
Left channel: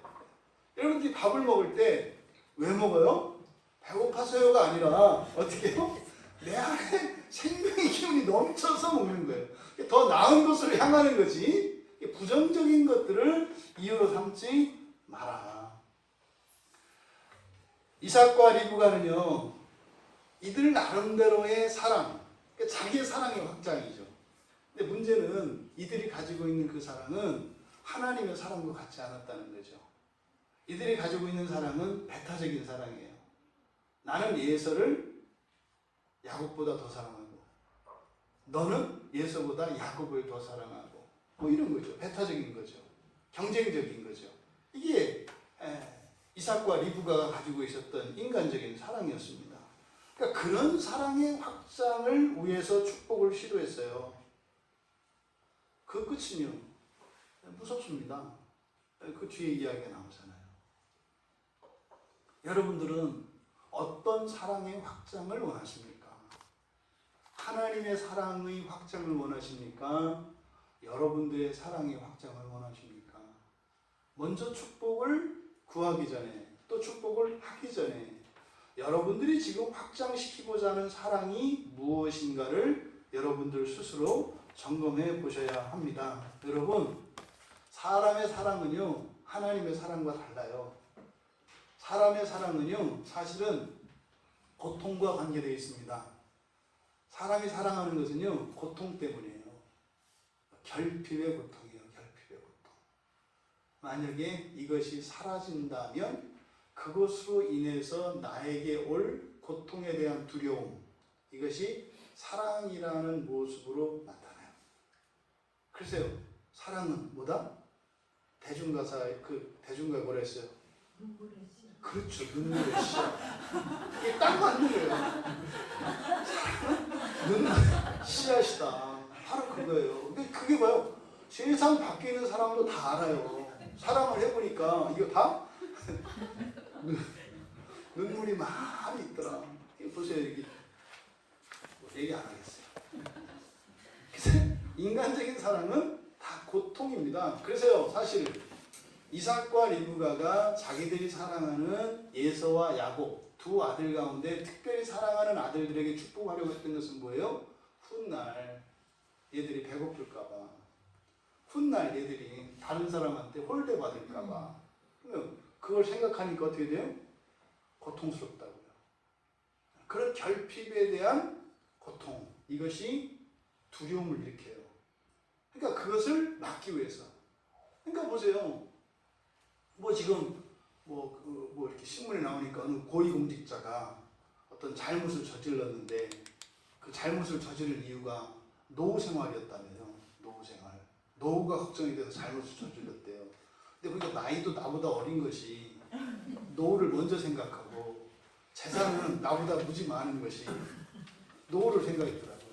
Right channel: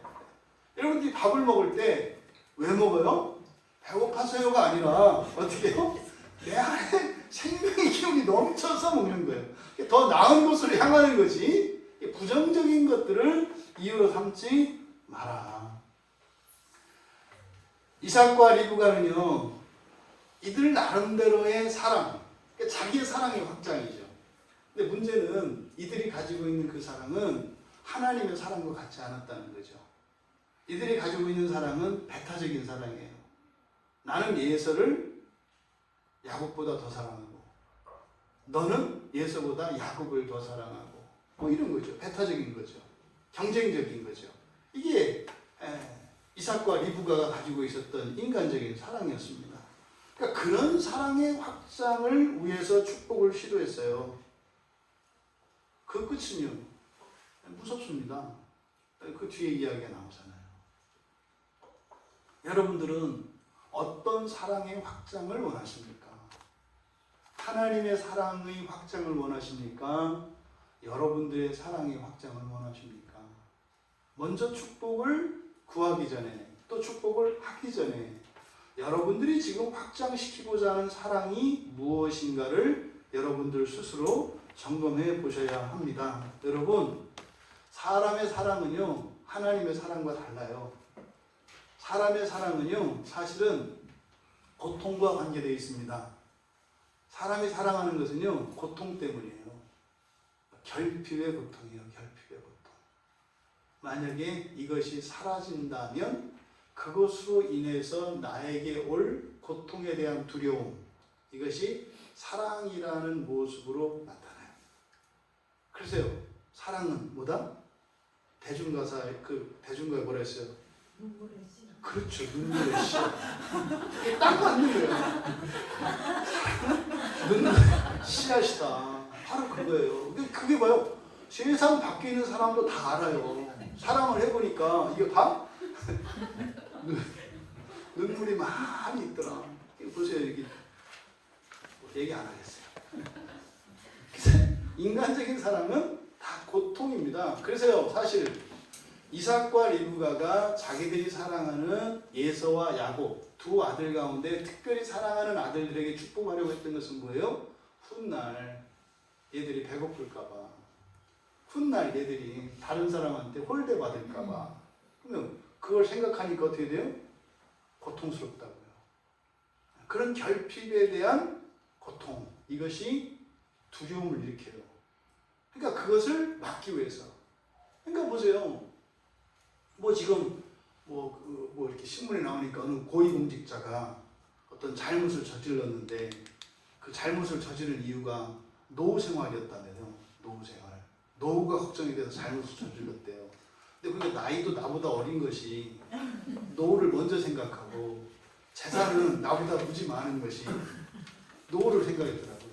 여러분들이 밥을 먹을 때 왜 먹어요? 배고파서요가 아니라 어떻게 해요? 내 안에 생명의 기운이 넘쳐서 먹는 거예요. 더 나은 것으로 향하는 거지 부정적인 것들을 이유로 삼지 마라. 이삭과 리브가는요, 이들 나름대로의 사랑, 그러니까 자기의 사랑의 확장이죠. 근데 문제는 이들이 가지고 있는 그 사랑은 하나님의 사랑과 같지 않았다는 거죠. 이들이 가지고 있는 사랑은 배타적인 사랑이에요. 나는 예서를 야곱보다 더 사랑하고 너는 예서보다 야곱을 더 사랑하고 뭐 이런 거죠. 배타적인 거죠. 경쟁적인 거죠. 이게 이삭과 리브가가 가지고 있었던 인간적인 사랑이었습니다. 그러니까 그런 사랑의 확장을 위해서 축복을 시도했어요. 그 끝은요, 무섭습니다. 그 뒤에 이야기가 나오잖아요. 여러분들은 어떤 사랑의 확장을 원하십니까? 하나님의 사랑의 확장을 원하십니까? 여러분들의 사랑의 확장을 원하십니까? 먼저 축복을 구하기 전에, 또 축복을 하기 전에 여러분들이 지금 확장시키고자 하는 사랑이 무엇인가를 여러분들 스스로 점검해 보셔야 합니다. 여러분, 사람의 사랑은요, 하나님의 사랑과 달라요. 사람의 사랑은요, 사실은 고통과 관계되어 있습니다. 사람이 사랑하는 것은요, 고통 때문이에요. 결핍의 고통이에요. 결핍의 고통. 만약에 이것이 사라진다면 그것으로 인해서 나에게 올 고통에 대한 두려움, 이것이 사랑이라는 모습으로 나타나요. 글쎄요, 사랑은 뭐다? 대중가사에 대중가에 뭐라 했어요? 눈물의 씨. 그렇죠, 눈물의 씨. 이게 딱 맞는 거예요. 눈물의 씨앗이다. 바로 그거예요. 그게 뭐예요? 세상 밖에 있는 사람도 다 알아요. 사랑을 해보니까 이거 다 눈물이 많이 있더라. 이거 보세요, 여기 얘기 안 하겠어요. 인간적인 사랑은 다 고통입니다. 그래서요, 사실 이삭과 리브가가 자기들이 사랑하는 예서와 야곱 두 아들 가운데 특별히 사랑하는 아들들에게 축복하려고 했던 것은 뭐예요? 훗날 얘들이 배고플까봐, 훗날 얘들이 다른 사람한테 홀대받을까봐. 그러면 그걸 생각하니까 어떻게 돼요? 고통스럽다고요. 그런 결핍에 대한 고통, 이것이 두려움을 일으켜요. 그러니까 그것을 막기 위해서. 그러니까 보세요. 지금 이렇게 신문에 나오니까 어느 고위공직자가 어떤 잘못을 저질렀는데 그 잘못을 저지른 이유가 노후 생활이었다면요. 노후 생활. 노후가 걱정이 돼서 잘못을 저질렀대요. 근데 그게 나이도 나보다 어린 것이 노후를 먼저 생각하고 재산은 나보다 무지 많은 것이 노후를 생각했더라고요.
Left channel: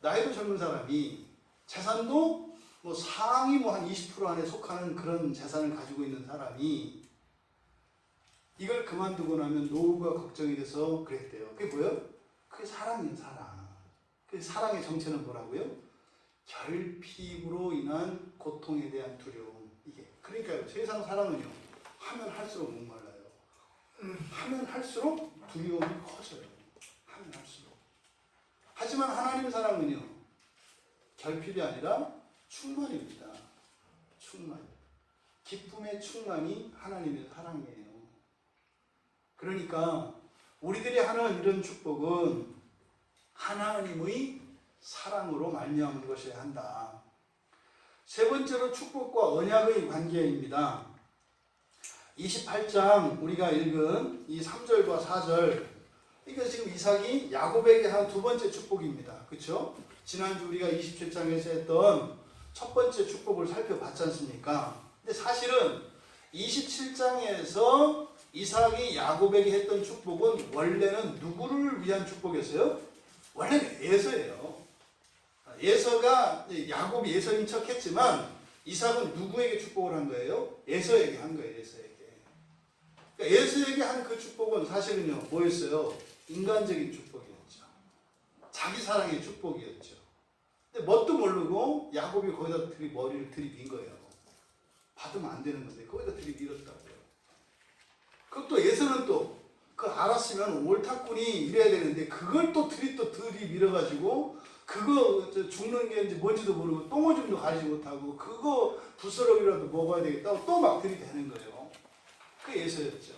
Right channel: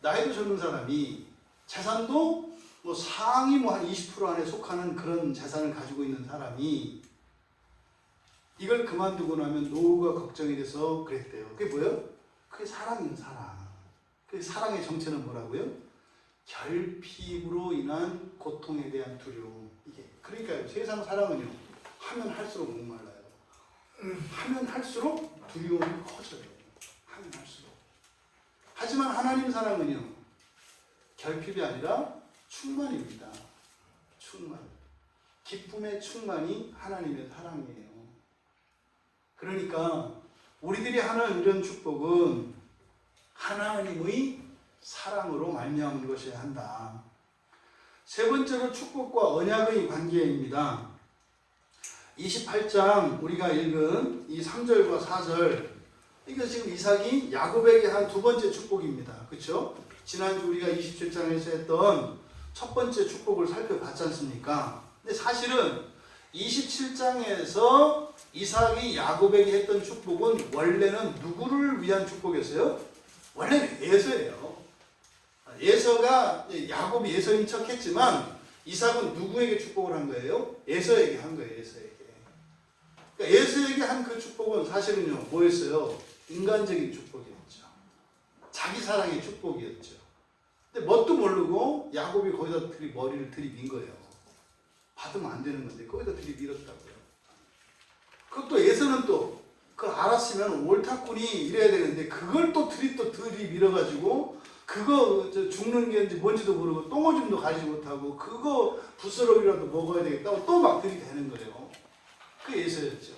나이도 젊은 사람이 재산도 뭐 상위 뭐 한 20% 안에 속하는 그런 재산을 가지고 있는 사람이 이걸 그만두고 나면 노후가 걱정이 돼서 그랬대요. 그게 뭐예요? 그게 사랑이에요, 사랑. 그 사랑의 정체는 뭐라고요? 결핍으로 인한 고통에 대한 두려움. 이게 그러니까요. 세상 사랑은요. 하면 할수록 목말라요. 하면 할수록 두려움이 커져요. 하면 할수록. 하지만 하나님 사랑은요. 결핍이 아니라 충만입니다. 충만. 기쁨의 충만이 하나님의 사랑이에요. 그러니까 우리들이 하는 이런 축복은 하나님의 사랑으로 말미암은 것이어야 한다. 세 번째로 축복과 언약의 관계입니다. 28장 우리가 읽은 이 3절과 4절, 이거 지금 이삭이 야곱에게 한 두 번째 축복입니다. 그렇죠? 지난주 우리가 27장에서 했던 첫 번째 축복을 살펴봤지 않습니까? 근데 사실은 27장에서 이삭이 야곱에게 했던 축복은 원래는 누구를 위한 축복이었어요? 원래는 에서예요. 에서가 야곱이 에서인 척 했지만 이삭은 누구에게 축복을 한 거예요? 에서에게 한 거예요. 에서에게. 그러니까 에서에게 한 그 축복은 사실은요 뭐였어요? 인간적인 축복이었죠. 자기 사랑의 축복이었죠. 근데 뭣도 모르고 야곱이 거기다 머리를 들이민 거예요. 받으면 안 되는 건데 거기다 들이밀었다고요. 그것도 에서는 또 그 알았으면 옳다꾼이 이래야 되는데 그걸 또 들이밀어가지고 그거 죽는 게 뭔지도 모르고 똥오줌도 가리지 못하고 그거 부스러기라도 먹어야 되겠다고 또 막 들이대는 거예요. 그게 에서였죠.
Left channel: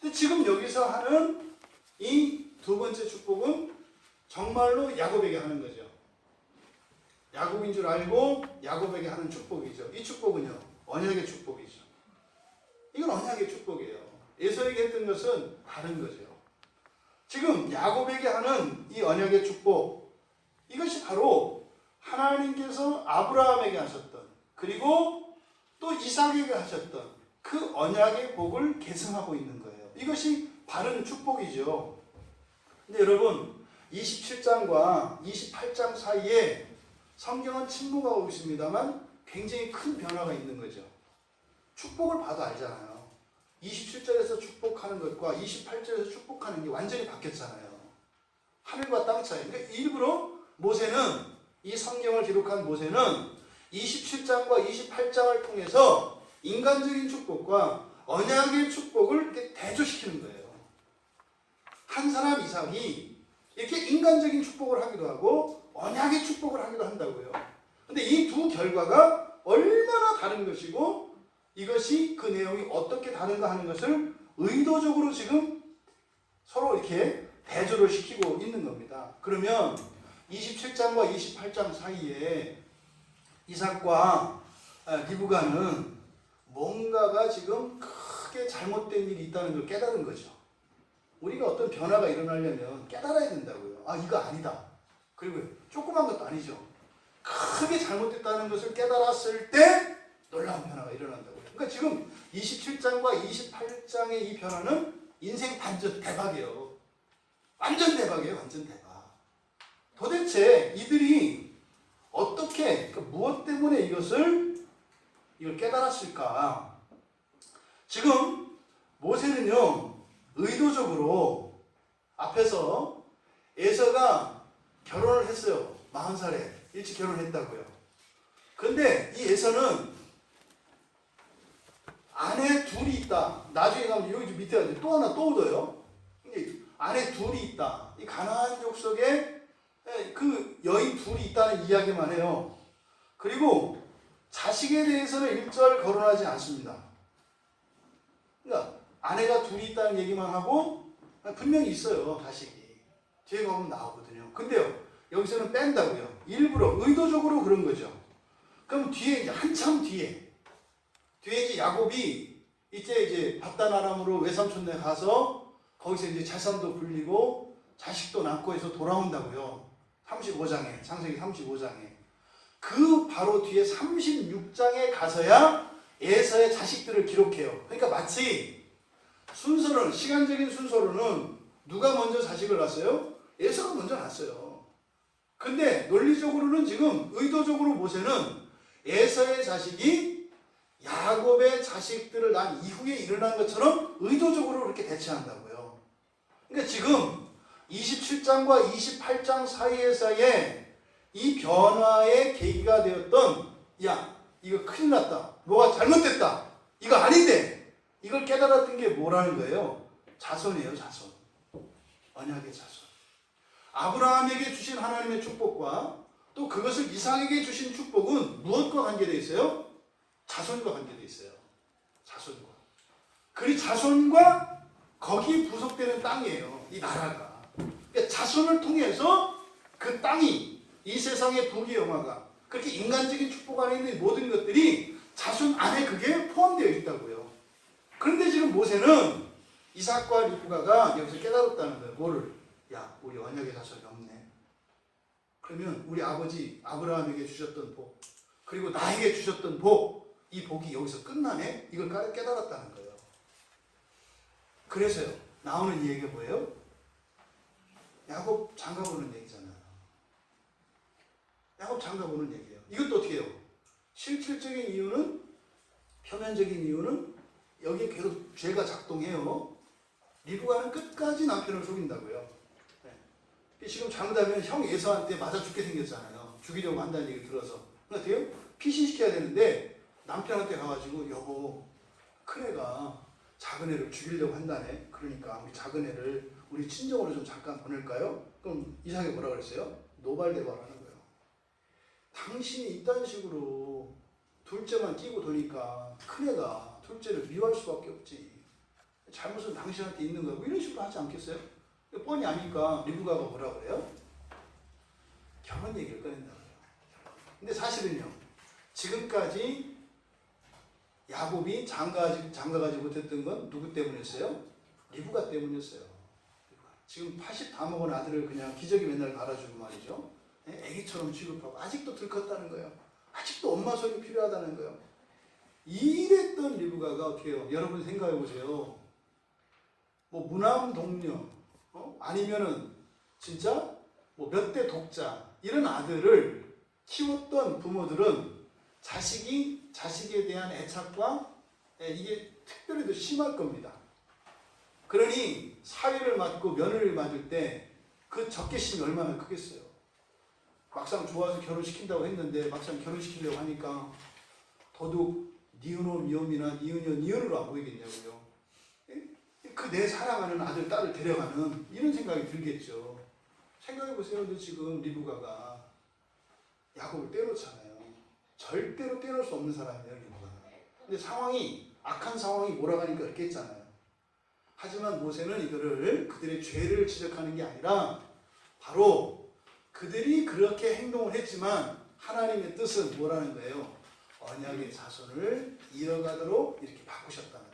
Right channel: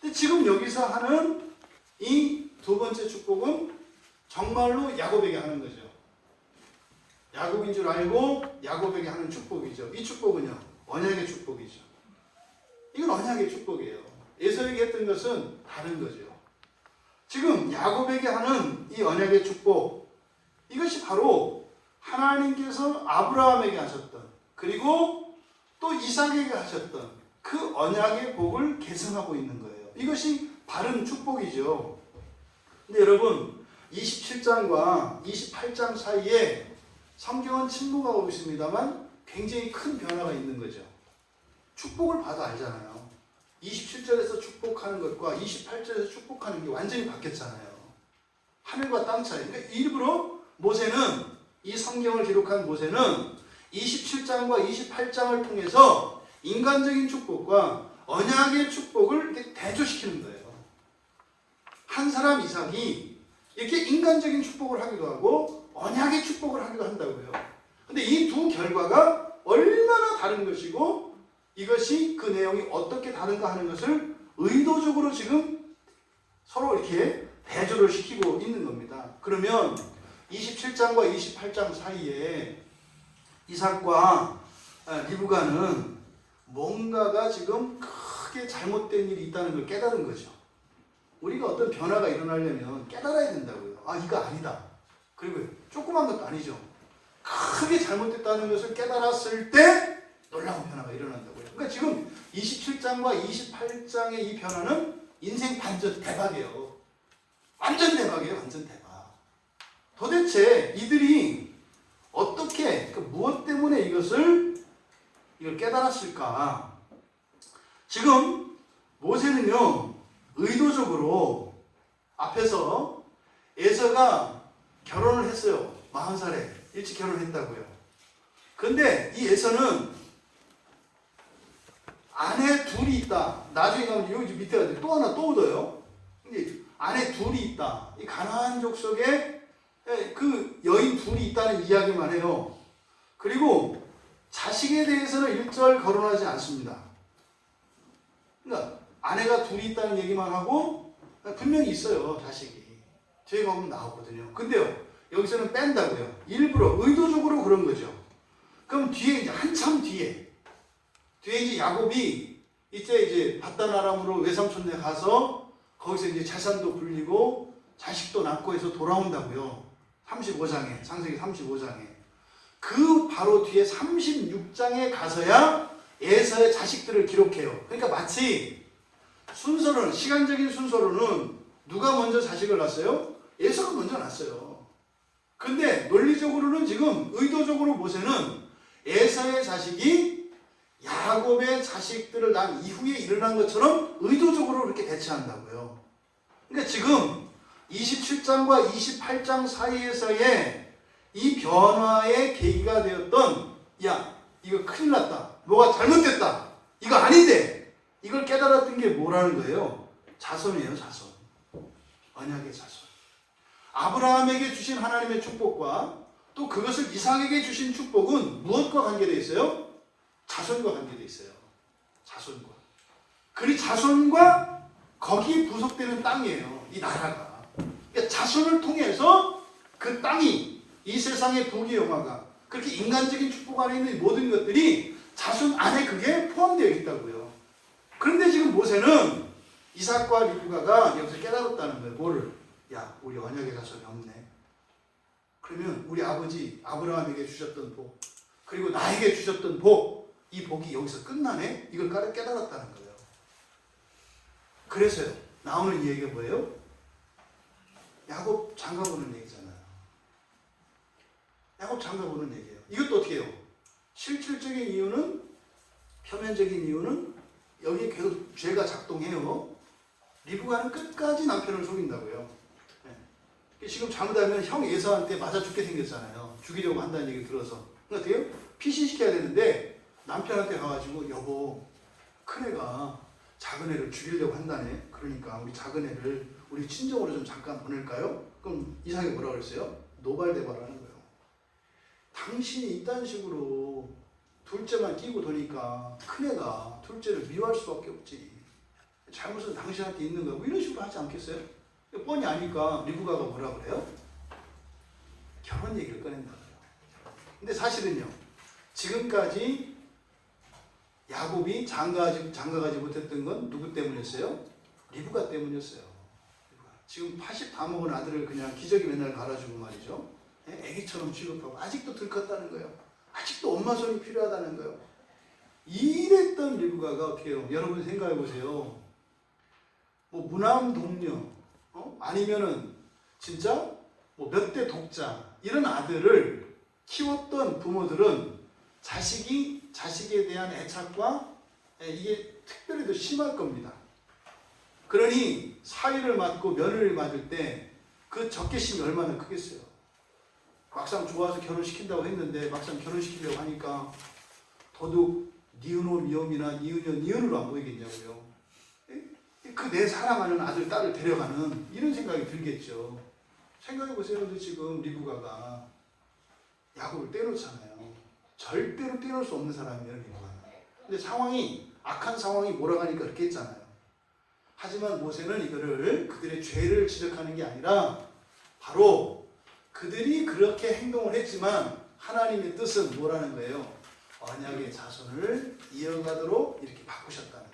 근데 지금 여기서 하는 이 두 번째 축복은 정말로 야곱에게 하는 거죠. 야곱인 줄 알고 야곱에게 하는 축복이죠. 이 축복은요 언약의 축복이죠. 이건 언약의 축복이에요. 에서에게 했던 것은 다른 거죠. 지금 야곱에게 하는 이 언약의 축복, 이것이 바로 하나님께서 아브라함에게 하셨던 그리고 또 이삭에게 하셨던 그 언약의 복을 계승하고 있는 거예요. 이것이 바른 축복이죠. 근데 여러분 27장과 28장 사이에 성경은 침묵하고 있습니다만 굉장히 큰 변화가 있는 거죠. 축복을 봐도 알잖아요. 27절에서 축복하는 것과 28절에서 축복하는 게 완전히 바뀌었잖아요. 하늘과 땅 차이. 그러니까 일부러 모세는, 이 성경을 기록한 모세는 27장과 28장을 통해서 인간적인 축복과 언약의 축복을 이렇게 대조시키는 거예요. 한 사람 이삭이 이렇게 인간적인 축복을 하기도 하고 언약의 축복을 하기도 한다고요. 근데 이 두 결과가 얼마나 다른 것이고 이것이 그 내용이 어떻게 다른가 하는 것을 의도적으로 지금 서로 이렇게 대조를 시키고 있는 겁니다. 그러면 27장과 28장 사이에 이삭과 리브가는 뭔가가 지금 크게 잘못된 일이 있다는 걸 깨달은 거죠. 우리가 어떤 변화가 일어나려면 깨달아야 된다고요. 아, 이거 아니다. 그리고 조그만 것도 아니죠. 크게 잘못됐다는 것을 깨달았을 때 놀라운 변화가 일어난다고요. 그러니까 지금 27장과 28장의 이 변화는 인생 반전 대박이에요. 완전 대박이에요. 완전 대박. 도대체 이들이 어떻게, 무엇 때문에 이걸 깨달았을까? 지금 모세는요, 의도적으로 앞에서 에서가 결혼을 했어요. 40살에 일찍 결혼했다고요. 그런데 이 에서는 아내 둘이 있다. 나중에 가면 여기 밑에 가서 또 하나 또 얻어요. 아내 둘이 있다. 이 가나안 족속에 그 여인 둘이 있다는 이야기만 해요. 그리고 자식에 대해서는 1절 거론하지 않습니다. 그러니까 아내가 둘이 있다는 얘기만 하고 분명히 있어요. 자식이. 뒤에 가면 나오거든요. 근데요. 여기서는 뺀다고요. 일부러 의도적으로 그런 거죠. 그럼 뒤에 이제 한참 뒤에 이제 야곱이 이제 밧단 아람으로 외삼촌네 가서 거기서 이제 재산도 불리고 자식도 낳고 해서 돌아온다고요. 35장에 창세기 35장에 그 바로 뒤에 36장에 가서야 에서의 자식들을 기록해요. 그러니까 마치 순서로는, 시간적인 순서로는 누가 먼저 자식을 낳았어요? 에서가 먼저 낳았어요. 근데 논리적으로는 지금 의도적으로 모세는 에서의 자식이 야곱의 자식들을 낳은 이후에 일어난 것처럼 의도적으로 그렇게 대처한다고요. 그러니까 지금 27장과 28장 사이에서의 이 변화의 계기가 되었던, 야, 이거 큰일 났다, 뭐가 잘못됐다, 이거 아닌데, 이걸 깨달았던 게 뭐라는 거예요? 자손이에요. 자손. 언약의 자손. 아브라함에게 주신 하나님의 축복과 또 그것을 이삭에게 주신 축복은 무엇과 관계되어 있어요? 자손과 관계되어 있어요. 자손과. 그리 자손과 거기에 부속되는 땅이에요. 이 나라가. 그러니까 자손을 통해서 그 땅이, 이 세상의 부귀영화가, 그렇게 인간적인 축복 안에 있는 모든 것들이 자손 안에 그게 포함되어 있다고요. 그런데 지금 모세는 이삭과 리브가가 여기서 깨달았다는 거예요. 뭐를? 야, 우리 언약의 자손이 없네. 그러면 우리 아버지 아브라함에게 주셨던 복, 그리고 나에게 주셨던 복, 이 복이 여기서 끝나네? 이걸 깨달았다는 거예요. 그래서요, 나오는 이 얘기가 뭐예요? 야곱 장가보는 얘기잖아요. 야곱 장가보는 얘기예요. 이것도 어떻게 해요? 실질적인 이유는, 표면적인 이유는 여기에 계속 죄가 작동해요. 리브가는 끝까지 남편을 속인다고요. 네. 지금 잘못하면 형 에서한테 맞아 죽게 생겼잖아요. 죽이려고 한다는 얘기 들어서. 그러니까 어떻게 해요? 피신시켜야 되는데 남편한테 가가지고, 여보, 큰애가 작은애를 죽이려고 한다네. 그러니까 우리 작은애를 우리 친정으로 좀 잠깐 보낼까요? 그럼 이삭이 뭐라고 그랬어요? 노발대발하는 거예요. 당신이 이딴 식으로 둘째만 끼고 도니까 큰애가 둘째를 미워할 수밖에 없지. 잘못은 당신한테 있는 거고, 이런 식으로 하지 않겠어요? 뻔히 아니까 리브가가 뭐라 그래요? 결혼 얘기를 꺼낸다. 근데 사실은요, 지금까지 야곱이 장가가지 못했던 건 누구 때문이었어요? 리브가 때문이었어요. 지금 80 다 먹은 아들을 그냥 기저귀 맨날 갈아주고 말이죠. 애기처럼 취급하고, 아직도 들컸다는 거예요. 아직도 엄마 손이 필요하다는 거예요. 이랬던 리브가가 어떻게 해요? 여러분 생각해 보세요. 뭐 무남 동녀, 아니면은 진짜 뭐 몇 대 독자, 이런 아들을 키웠던 부모들은 자식에 대한 애착과 이게 특별히 더 심할 겁니다. 그러니 사위를 맡고 며느리를 맡을 때 그 적개심이 얼마나 크겠어요. 막상 좋아서 결혼시킨다고 했는데 막상 결혼시키려고 하니까 더더욱 니은오 위험이나 니은이어 니은으로 안 보이겠냐고요. 그 내 사랑하는 아들, 딸을 데려가는 이런 생각이 들겠죠. 생각해보세요. 지금 리브가가 야곱을 떼놓잖아요. 절대로 떼놓을 수 없는 사람이에요, 리브가. 근데 상황이, 악한 상황이 몰아가니까 그렇게 했잖아요. 하지만 모세는 이거를, 그들의 죄를 지적하는 게 아니라 바로 그들이 그렇게 행동을 했지만 하나님의 뜻은 뭐라는 거예요? 언약의 자손을 이어가도록 이렇게 바꾸셨다는 거예요.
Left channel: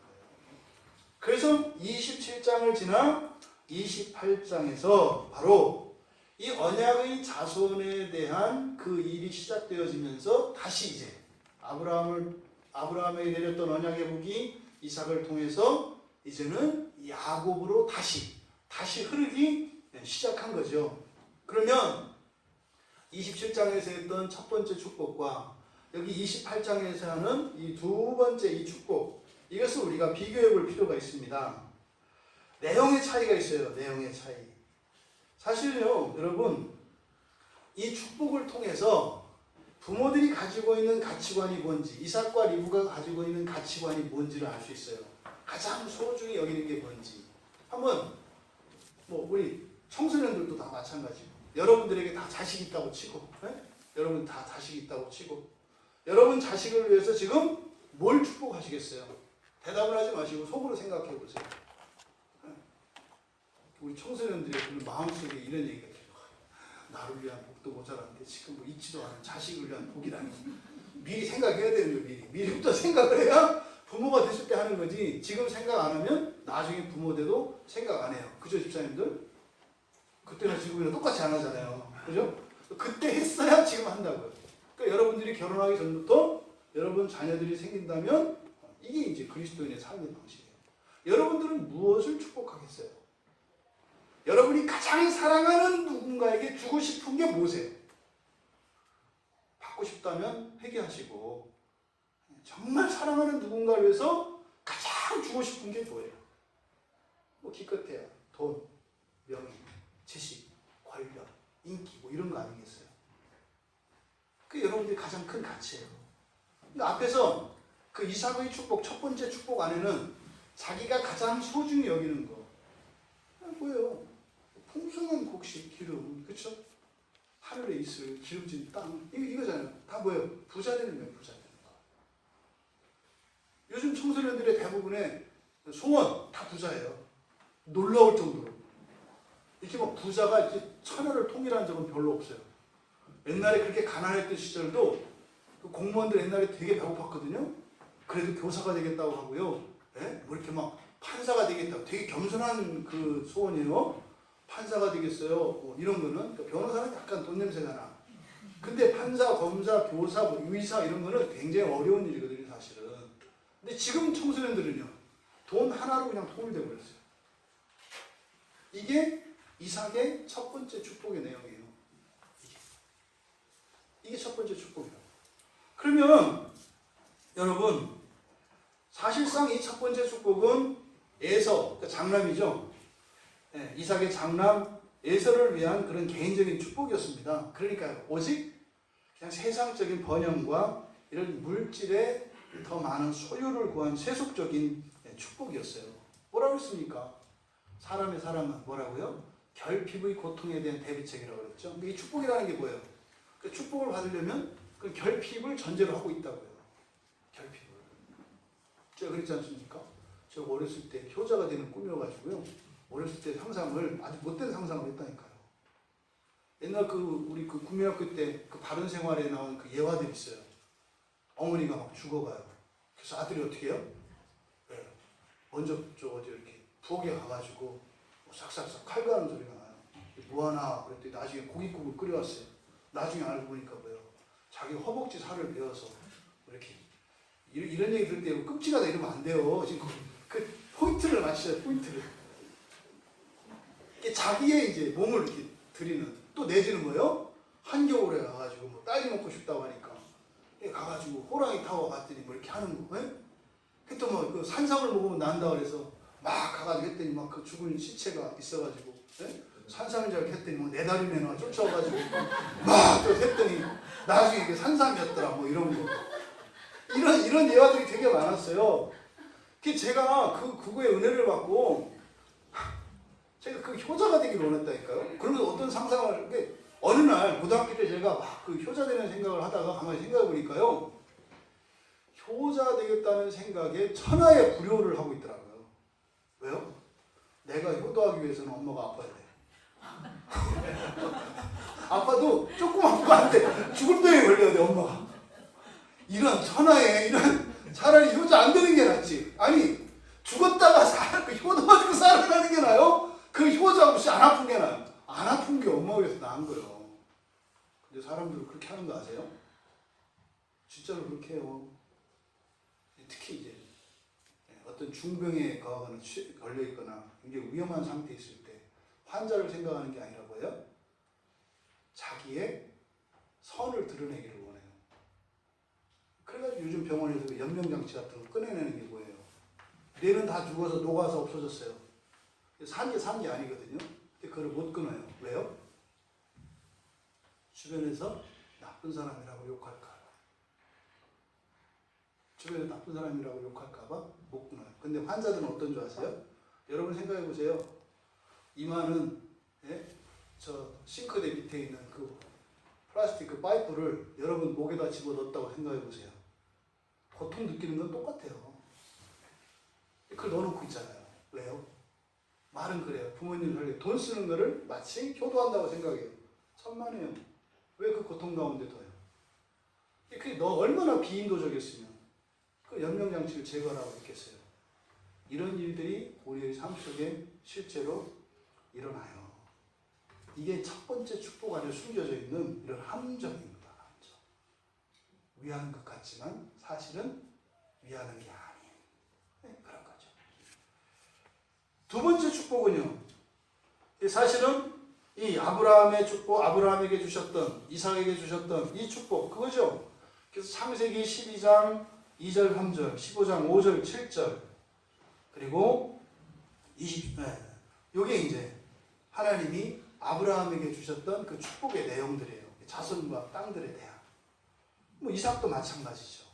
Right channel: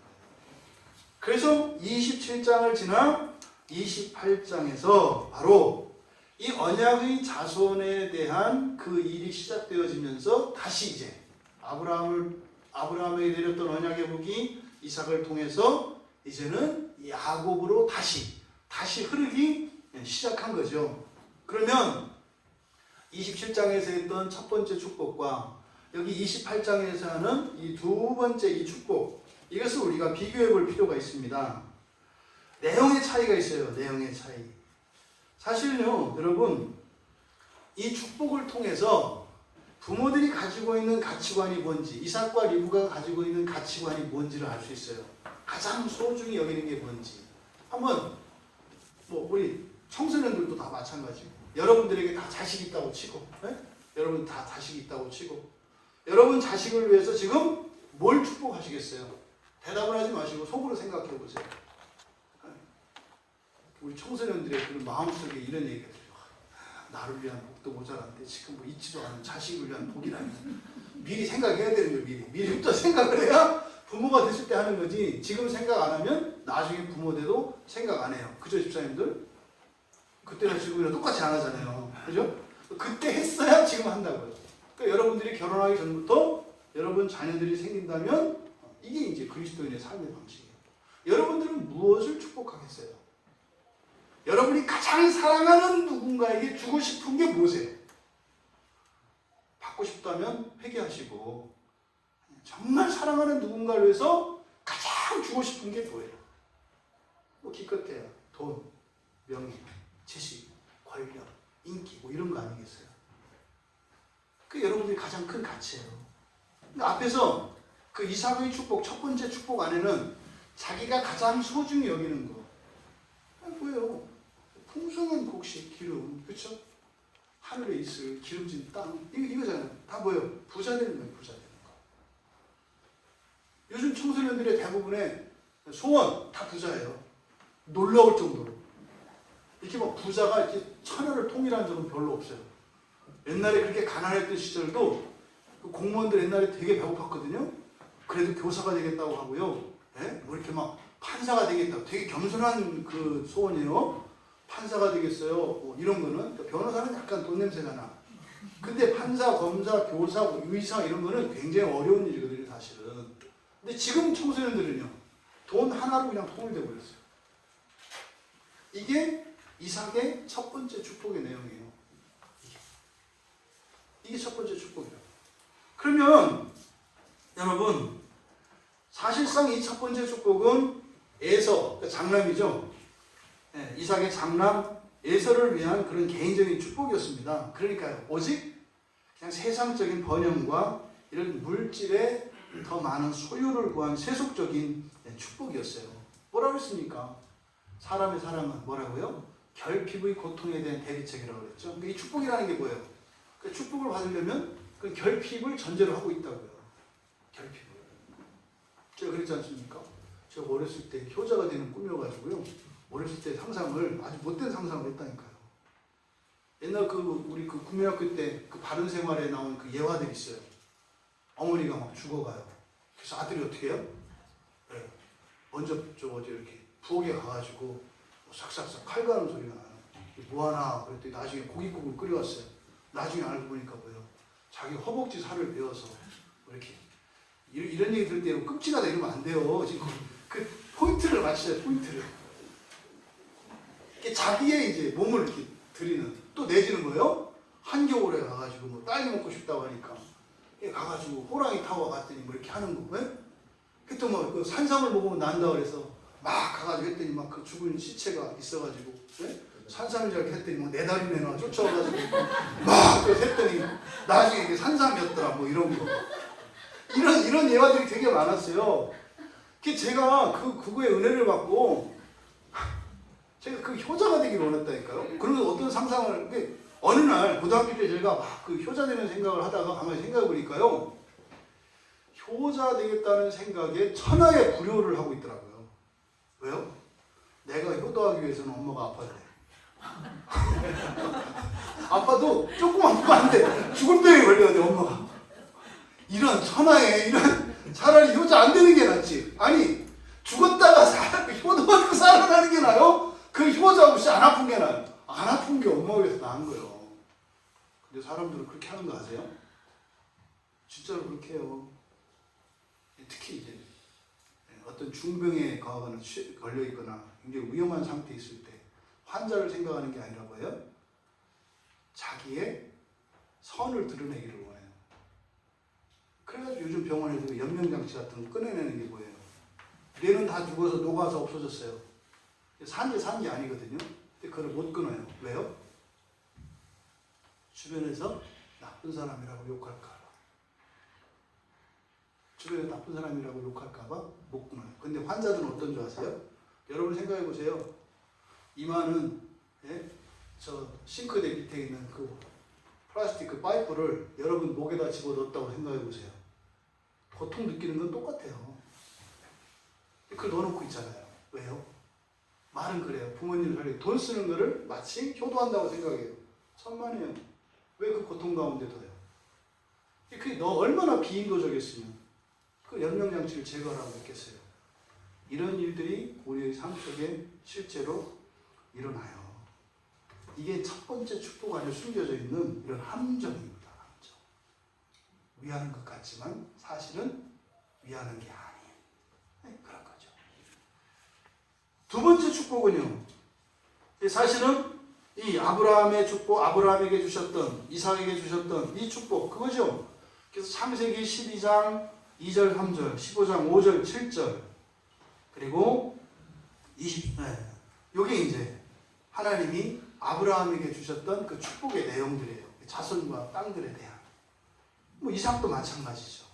그래서 27장을 지나 28장에서 바로 이 언약의 자손에 대한 그 일이 시작되어지면서 다시 이제 아브라함에게 내렸던 언약의 복이 이삭을 통해서 이제는 야곱으로 다시 흐르기 시작한 거죠. 그러면 27장에서 했던 첫 번째 축복과 여기 28장에서 하는 이 두 번째 이 축복, 이것을 우리가 비교해 볼 필요가 있습니다. 내용의 차이가 있어요. 내용의 차이. 사실은요, 여러분, 이 축복을 통해서 부모들이 가지고 있는 가치관이 뭔지, 이삭과 리브가 가지고 있는 가치관이 뭔지를 알 수 있어요. 가장 소중히 여기는 게 뭔지. 한번 뭐 우리 청소년들도 다 마찬가지고, 여러분들에게 다 자식 있다고 치고, 네? 여러분 다 자식 있다고 치고, 여러분 자식을 위해서 지금 뭘 축복하시겠어요? 대답을 하지 마시고 속으로 생각해 보세요. 네? 우리 청소년들의 그 마음속에 이런 얘기가 들어요. 나를 위한 복도 모자란데 지금 뭐 있지도 않은 자식을 위한 복이라니. 미리 생각해야 되는 거예요. 미리부터 생각을 해야 부모가 됐을 때 하는 거지. 지금 생각 안 하면 나중에 부모 돼도 생각 안 해요. 그죠, 집사님들? 그때나 지금이랑 똑같이 안 하잖아요. 그죠? 그때 했어야 지금 한다고요. 그러니까 여러분들이 결혼하기 전부터 여러분 자녀들이 생긴다면 이게 이제 그리스도인의 삶의 방식이에요. 여러분들은 무엇을 축복하겠어요? 여러분이 가장 사랑하는 누군가에게 주고 싶은 게 뭐세요? 받고 싶다면 회개하시고, 정말 사랑하는 누군가를 위해서 가장 주고 싶은 게 뭐예요? 뭐 기껏해야 돈, 명예, 지식, 권력, 인기 뭐 이런 거 아니겠어요? 그게 여러분들이 가장 큰 가치예요. 근데 앞에서 그 이삭의 축복, 첫 번째 축복 안에는 자기가 가장 소중히 여기는 거 뭐예요? 풍성한 곡식, 기름, 그렇죠? 하늘에 있을 기름진 땅 이거잖아요. 다 뭐예요? 부자 되는 거예요. 부자 되는 거. 요즘 청소년들의 대부분의 소원 다 부자예요. 놀라울 정도로. 이렇게 막 부자가 이렇게 천하를 통일한 적은 별로 없어요. 옛날에 그렇게 가난했던 시절도 공무원들 옛날에 되게 배고팠거든요. 그래도 교사가 되겠다고 하고요. 예? 뭐 이렇게 막 판사가 되겠다고 되게 겸손한 그 소원이에요. 판사가 되겠어요. 뭐 이런 거는 변호사는 약간 돈 냄새가 나. 근데 판사, 검사, 교사, 뭐 의사 이런 거는 굉장히 어려운 일이거든요, 사실은. 근데 지금 청소년들은요, 돈 하나로 그냥 통일돼 버렸어요. 이게 이삭의 첫 번째 축복의 내용이에요. 이게 첫 번째 축복이에요. 그러면 여러분, 사실상 이 첫 번째 축복은 에서, 그러니까 장남이죠. 네, 이삭의 장남 에서를 위한 그런 개인적인 축복이었습니다. 그러니까 오직 그냥 세상적인 번영과 이런 물질에 더 많은 소유를 구한 세속적인 축복이었어요. 뭐라고 했습니까? 사람의 사랑은 뭐라고요? 결핍의 고통에 대한 대비책이라고 그랬죠. 이 축복이라는 게 뭐예요? 그 축복을 받으려면 그 결핍을 전제로 하고 있다고요. 결핍을. 제가 그랬지 않습니까? 제가 어렸을 때 효자가 되는 꿈이어가지고요. 어렸을 때 상상을 아주 못된 상상을 했다니까요. 옛날 우리 국민학교 때 그 바른 생활에 나온 그 예화들이 있어요. 어머니가 막 죽어가요. 그래서 아들이 어떻게 해요? 네. 먼저 이렇게 부엌에 가가지고 뭐 싹싹싹 칼 가는 소리가 나요. 뭐하나 그랬더니 나중에 고깃국을 끓여왔어요. 나중에 알고 보니까 뭐예요? 자기 허벅지 살을 베어서 이렇게 이런 얘기 들을 때 끔찍하다 이러면 안 돼요. 지금 그 포인트를 맞춰요. 포인트를. 자기의 이제 몸을 이렇게 들이는 또 내지는 거예요. 한겨울에 가가지고 뭐 딸기 먹고 싶다고 하니까 가가지고 호랑이 타고 갔더니 뭐 이렇게 하는 거. 그때 뭐 그 산삼을 먹으면 난다 그래서 막 가가지고 했더니 막 그 죽은 시체가 있어가지고 산삼을 잘 했더니 뭐 네 다리 내놔 쫓아와가지고 막 또 했더니 나중에 이게 산삼이었더라 뭐 이런 거. 이런 예화들이 되게 많았어요. 제가 그거의 은혜를 받고 제가 그 효자가 되길 원했다니까요. 그러면 어떤 상상을 어느 날 고등학교 때 제가 막 그 효자 되는 생각을 하다가 가만히 생각해 보니까요. 효자 되겠다는 생각에 천하의 불효를 하고 있더라고요. 왜요? 내가 효도하기 위해서는 엄마가 아파야 돼. 아빠도 조금 아프면 안 돼. 죽을 병에 걸려야 돼, 엄마가. 이런 천하에 차라리 효자 안 되는 게 낫지. 아니 죽었다가 효도하고 살아나는 게 나아요? 그 효자 없이 안 아픈 게 나아요? 안 아픈 게 엄마가 위해서 나은 거예요. 근데 사람들은 그렇게 하는 거 아세요? 진짜로 그렇게 해요. 특히 이제 어떤 중병에 걸려 있거나 굉장히 위험한 상태에 있을 때 환자를 생각하는 게 아니라 뭐예요? 자기의 선을 드러내기를 원해요. 그래가지고 요즘 병원에서 연명장치 같은 거 꺼내내는 게 뭐예요? 뇌는 다 죽어서 녹아서 없어졌어요. 산 게 아니거든요. 근데 그걸 못 끊어요. 왜요? 주변에서 나쁜 사람이라고 욕할까 봐. 주변에 나쁜 사람이라고 욕할까 봐 못 끊어요. 근데 환자들은 어떤 줄 아세요? 여러분 생각해 보세요. 이마는 저 싱크대 밑에 있는 그 플라스틱 그 파이프를 여러분 목에다 집어넣었다고 생각해 보세요. 고통 느끼는 건 똑같아요. 그걸 넣어놓고 있잖아요. 왜요? 말은 그래요. 부모님 살기 돈 쓰는 거를 마치 효도한다고 생각해요. 천만에요. 왜 그 고통 가운데 둬요? 그게 너 얼마나 비인도적이었으면 그 연명장치를 제거하라고 했겠어요. 이런 일들이 우리의 삶 속에 실제로 일어나요. 이게 첫 번째 축복 안에 숨겨져 있는 이런 함정입니다. 함정. 위하는 것 같지만 사실은 위하는 게 아닌 그런 거죠. 두 번째 축복은요. 사실은 이 아브라함의 축복, 아브라함에게 주셨던, 이삭에게 주셨던 이 축복 그거죠. 그래서 창세기 12장 2절 3절, 15장 5절 7절 그리고 20, 요게 이제 하나님이 아브라함에게 주셨던 그 축복의 내용들이에요. 자손과 땅들에 대한. 뭐 이삭도 마찬가지죠.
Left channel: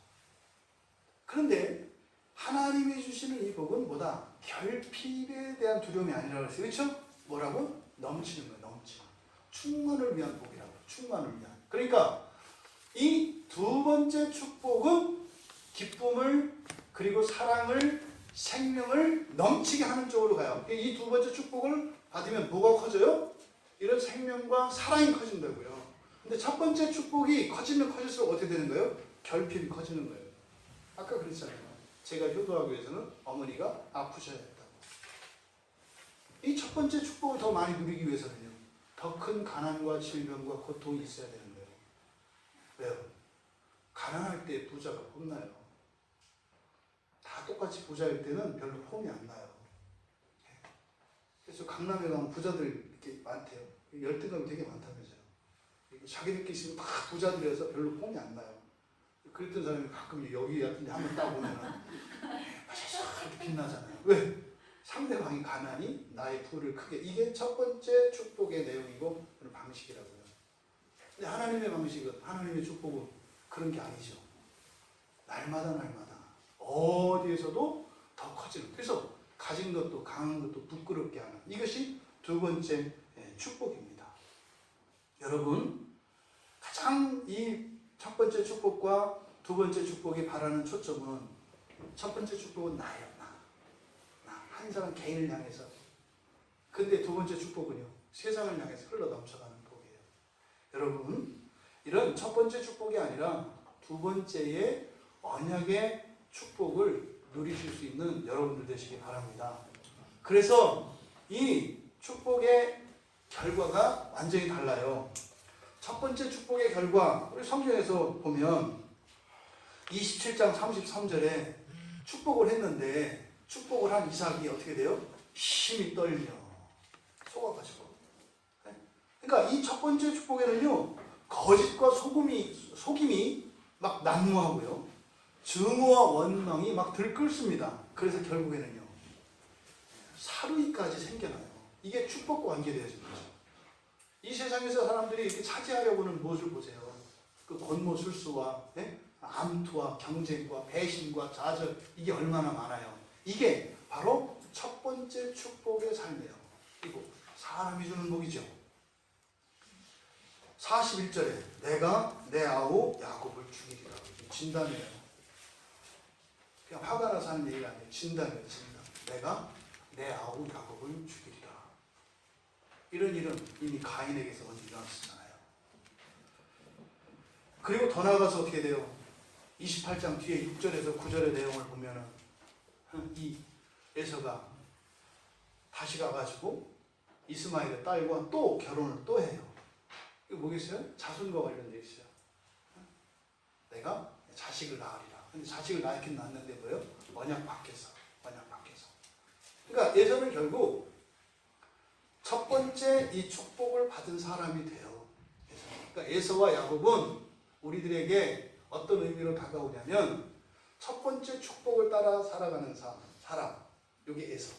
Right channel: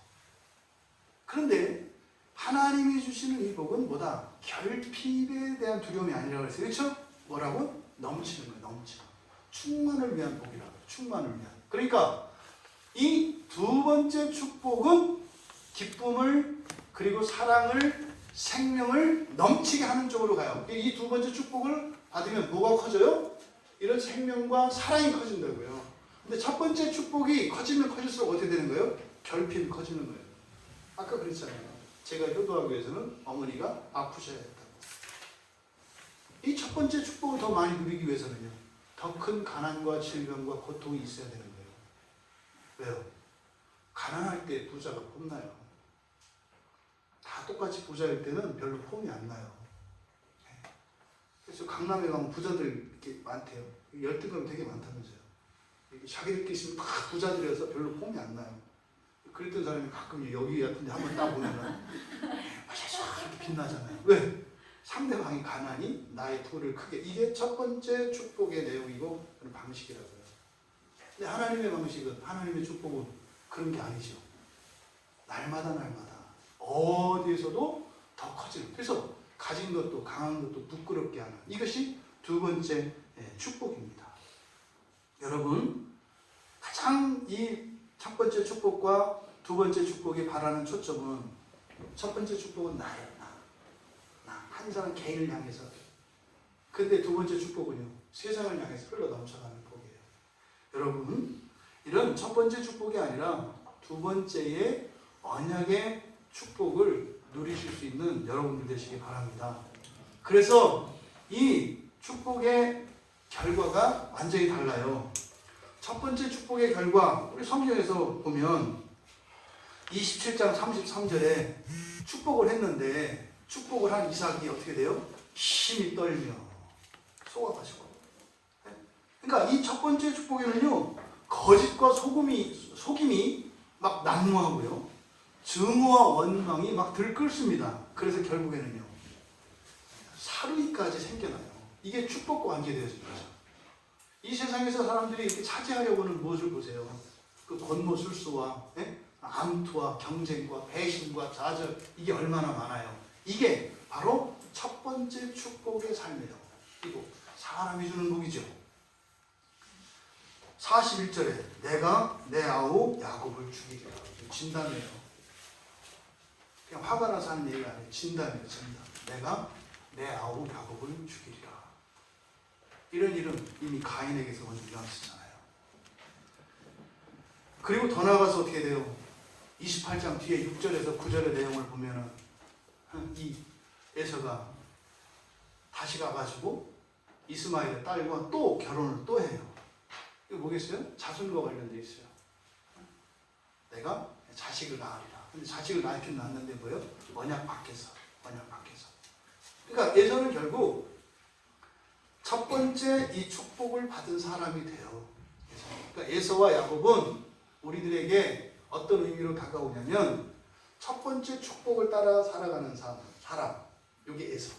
그런데 하나님이 주시는 이 복은 뭐다? 결핍에 대한 두려움이 아니라고 그랬어요. 그렇죠? 뭐라고? 넘치는 거예요. 넘치는. 충만을 위한 복이라고. 충만을 위한. 그러니까 이 두 번째 축복은 기쁨을 그리고 사랑을 생명을 넘치게 하는 쪽으로 가요. 이 두 번째 축복을 받으면 뭐가 커져요? 이런 생명과 사랑이 커진다고요. 근데 첫 번째 축복이 커지면 커질수록 어떻게 되는 거예요? 결핍이 커지는 거예요. 아까 그랬잖아요. 제가 효도하기 위해서는 어머니가 아프셔야 했다고. 이 첫 번째 축복을 더 많이 누리기 위해서는요. 더 큰 가난과 질병과 고통이 있어야 되는 거예요. 왜요? 가난할 때 부자가 폼나요. 다 똑같이 부자일 때는 별로 폼이 안 나요. 그래서 강남에 가면 부자들 이렇게 많대요. 열등감이 되게 많다면서요. 자기들끼리 있으면 다 부자들이어서 별로 폼이 안 나요. 그랬던 사람이 가끔 여기 같은 데 한번 따보면은 이렇게 빛나잖아요. 왜? 상대방이 가난이 나의 부를 크게. 이게 첫 번째 축복의 내용이고 그런 방식이라고요. 근데 하나님의 방식은, 하나님의 축복은 그런 게 아니죠. 날마다 어디에서도 더 커지는. 그래서 가진 것도 강한 것도 부끄럽게 하는 이것이 두 번째 축복입니다. 여러분 가장 이 첫 번째 축복과 두 번째 축복이 바라는 초점은 첫 번째 축복은 나예요. 나. 한 사람 개인을 향해서. 근데 두 번째 축복은요. 세상을 향해서 흘러넘쳐가는 복이에요. 여러분 이런 첫 번째 축복이 아니라 두 번째의 언약의 축복을 누리실 수 있는 여러분들 되시기 바랍니다. 그래서 이 축복의 결과가 완전히 달라요. 첫 번째 축복의 결과, 우리 성경에서 보면 27장 33절에 축복을 했는데 축복을 한 이삭이 어떻게 돼요? 힘이 떨며 속아가지고. 그러니까 이 첫 번째 축복에는요, 거짓과 속임이 막 난무하고요, 증오와 원망이 막 들끓습니다. 그래서 결국에는요, 사르이까지 생겨나요. 이게 축복과 관계되어진 거죠. 이 세상에서 사람들이 이렇게 차지하려고 하는 무엇을 보세요. 그 권모술수와 암투와 경쟁과 배신과 좌절, 이게 얼마나 많아요. 이게 바로 첫 번째 축복의 삶이에요. 그리고 사람이 주는 복이죠. 41절에 내가 내 아우 야곱을 죽이리라. 진담이에요. 그냥 화가 나서 하는 얘기가 아니에요. 진담이에요. 진담. 내가 내 아우 야곱을 죽이리라. 이런 일은 이미 가인에게서 먼저 일어났었잖아요. 그리고 더 나아가서 어떻게 돼요? 28장 뒤에 6절에서 9절의 내용을 보면은 이 에서가 다시 가가지고 이스마엘의 딸과 또 결혼을 또 해요. 이거 뭐겠어요? 자손과 관련되어 있어요. 내가 자식을 낳으리라. 근데 자식을 낳긴 낳았는데 뭐예요? 언약 밖에서. 그러니까 에서는 결국 첫 번째 이 축복을 받은 사람이 돼요. 그러니까 에서와 야곱은 우리들에게 어떤 의미로 다가오냐면 첫 번째 축복을 따라 살아가는 사람. 여기 에서.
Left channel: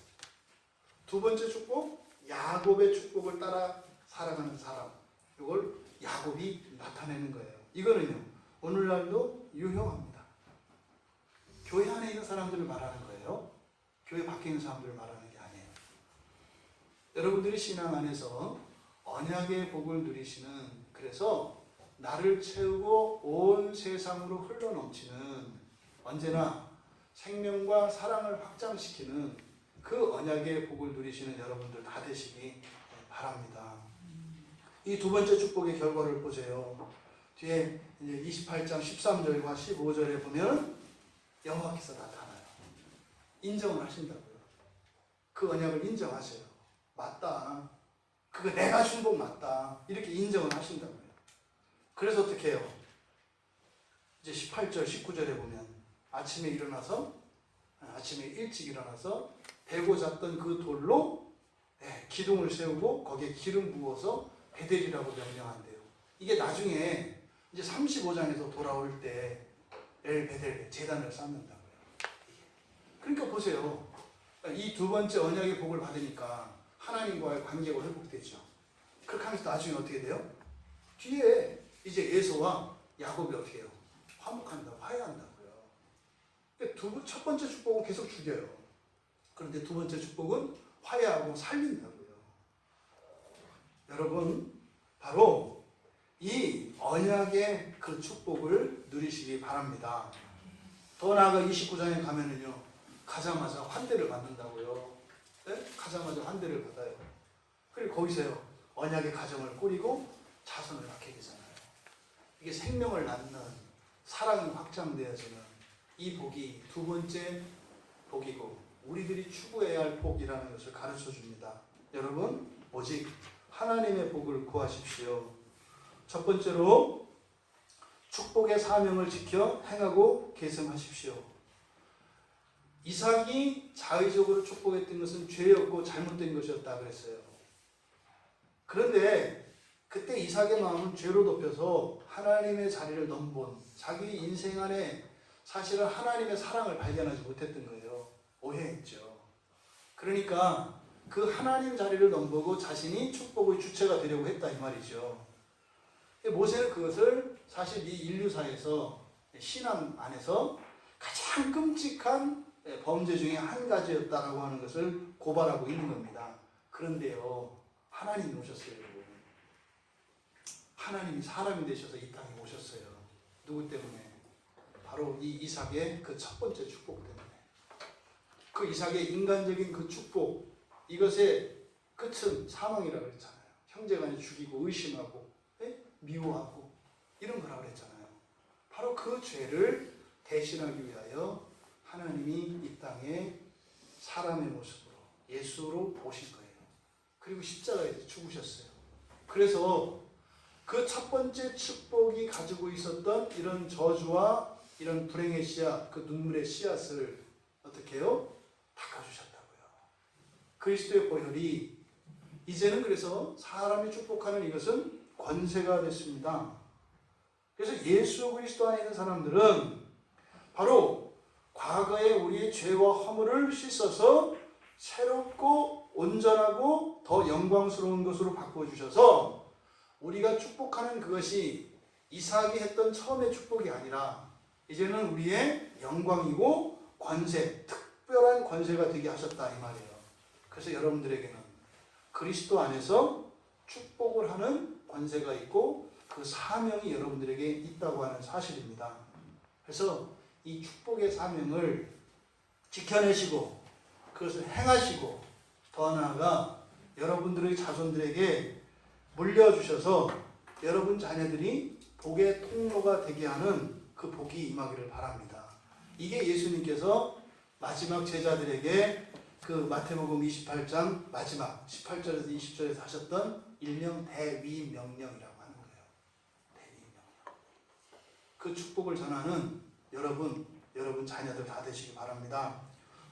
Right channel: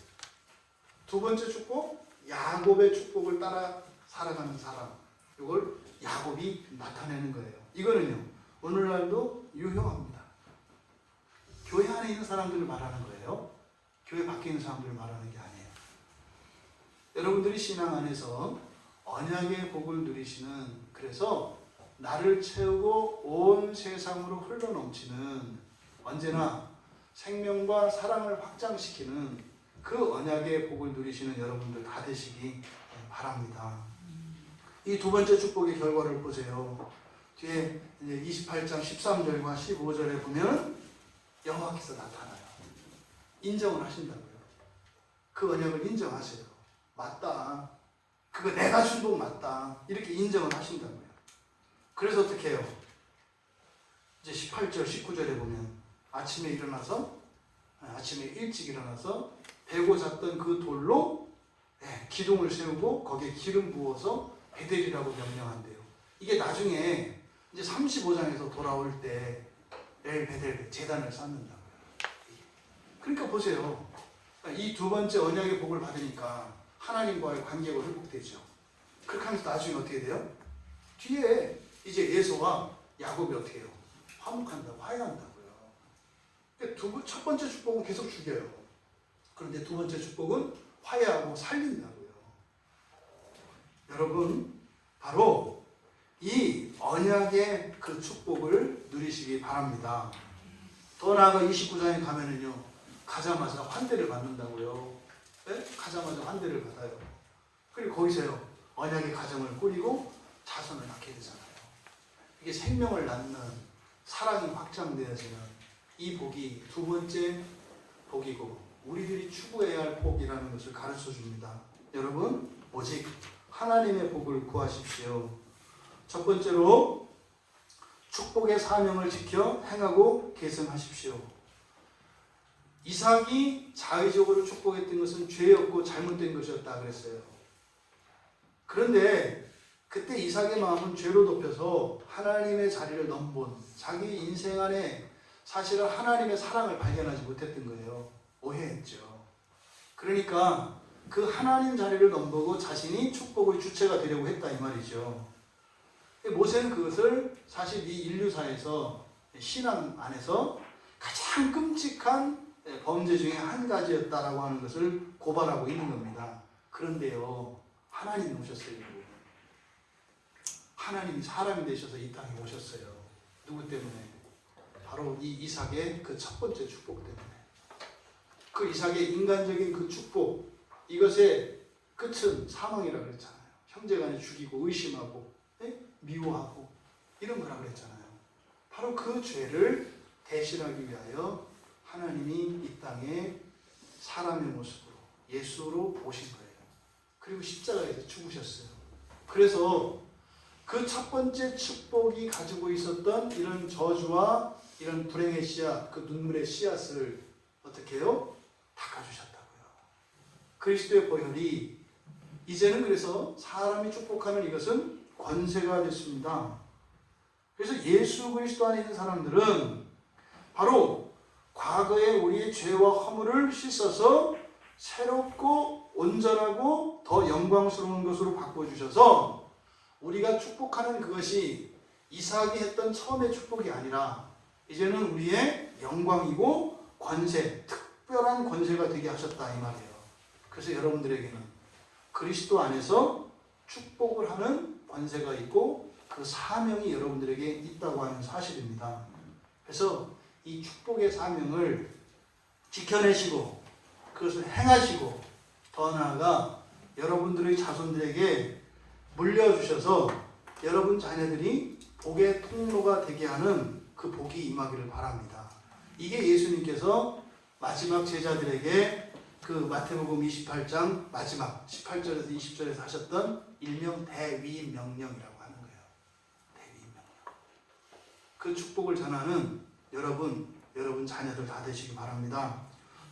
두 번째 축복, 야곱의 축복을 따라 살아가는 사람. 이걸 야곱이 나타내는 거예요. 이거는요, 오늘날도 유효합니다. 교회 안에 있는 사람들을 말하는 거예요. 교회 밖에 있는 사람들을 말하는 게 아니에요. 여러분들이 신앙 안에서 언약의 복을 누리시는, 그래서 나를 채우고 온 세상으로 흘러넘치는, 언제나 생명과 사랑을 확장시키는 그 언약의 복을 누리시는 여러분들 다 되시기 바랍니다. 이 두 번째 축복의 결과를 보세요. 뒤에 이제 28장 13절과 15절에 보면 여호와께서 나타나요. 인정을 하신다고요. 그 언약을 인정하세요. 맞다. 그거 내가 준 복 맞다. 이렇게 인정을 하신다고요. 그래서 어떻게 해요? 이제 18절, 19절에 보면 아침에 일찍 일어나서 베고 잤던 그 돌로 기둥을 세우고 거기에 기름 부어서 베델이라고 명명한대요. 이게 나중에 이제 35장에서 돌아올 때 엘 베델 제단을 쌓는다고요. 그러니까 보세요. 이 두 번째 언약의 복을 받으니까 하나님과의 관계가 회복되죠. 그렇게 하면서 나중에 어떻게 돼요? 뒤에 이제 에서와 야곱이 어떻게 해요? 화목한다고, 화해한다고요. 첫 번째 축복은 계속 죽여요. 그런데 두 번째 축복은 화해하고 살린다고요. 여러분, 바로 이 언약의 그 축복을 누리시기 바랍니다. 더 나아가 29장에 가면은요, 가자마자 환대를 받는다고요. 네? 가자마자 환대를 받아요. 그리고 거기서요, 언약의 가정을 꾸리고 자손을 낳게 되잖아요. 이게 생명을 낳는 사랑이 확장되어지는 이 복이 두 번째 복이고 우리들이 추구해야 할 복이라는 것을 가르쳐 줍니다. 여러분, 오직 하나님의 복을 구하십시오. 첫 번째로 축복의 사명을 지켜 행하고 계승하십시오. 이삭이 자의적으로 축복했던 것은 죄였고 잘못된 것이었다 그랬어요. 그런데 그때 이삭의 마음은 죄로 덮여서 하나님의 자리를 넘본 자기 인생 안에 사실은 하나님의 사랑을 발견하지 못했던 거예요. 오해했죠. 그러니까 그 하나님 자리를 넘보고 자신이 축복의 주체가 되려고 했다 이 말이죠. 모세는 그것을 사실 이 인류사에서 신앙 안에서 가장 끔찍한 범죄 중에 한 가지였다라고 하는 것을 고발하고 있는 겁니다. 그런데요, 하나님이 오셨어요. 하나님이 사람이 되셔서 이 땅에 오셨어요. 누구 때문에? 바로 이 이삭의 그 첫 번째 축복 때문에. 그 이삭의 인간적인 그 축복, 이것의 끝은 사망이라고 그랬잖아요. 형제간에 죽이고 의심하고 미워하고 이런 거라고 그랬잖아요. 바로 그 죄를 대신하기 위하여 하나님이 이 땅에 사람의 모습으로 예수로 오신 거예요. 그리고 십자가에서 죽으셨어요. 그래서 그 첫 번째 축복이 가지고 있었던 이런 저주와 이런 불행의 씨앗, 그 눈물의 씨앗을 어떻게 해요? 닦아주셨다고요. 그리스도의 보혈이 이제는 그래서 사람이 축복하는 이것은 권세가 됐습니다. 그래서 예수 그리스도 안에 있는 사람들은 바로 과거의 우리의 죄와 허물을 씻어서 새롭고 온전하고 더 영광스러운 것으로 바꿔주셔서 우리가 축복하는 그것이 이삭이 했던 처음의 축복이 아니라 이제는 우리의 영광이고 권세, 특별한 권세가 되게 하셨다 이 말이에요. 그래서 여러분들에게는 그리스도 안에서 축복을 하는 권세가 있고 그 사명이 여러분들에게 있다고 하는 사실입니다. 그래서 이 축복의 사명을 지켜내시고 그것을 행하시고 더 나아가 여러분들의 자손들에게 물려주셔서 여러분 자녀들이 복의 통로가 되게 하는 그 복이 임하기를 바랍니다. 이게 예수님께서 마지막 제자들에게 그 마태복음 28장 마지막 18절에서 20절에서 하셨던 일명 대위명령이라고 하는 거예요. 대위명령. 그 축복을 전하는 여러분 자녀들 다 되시기 바랍니다.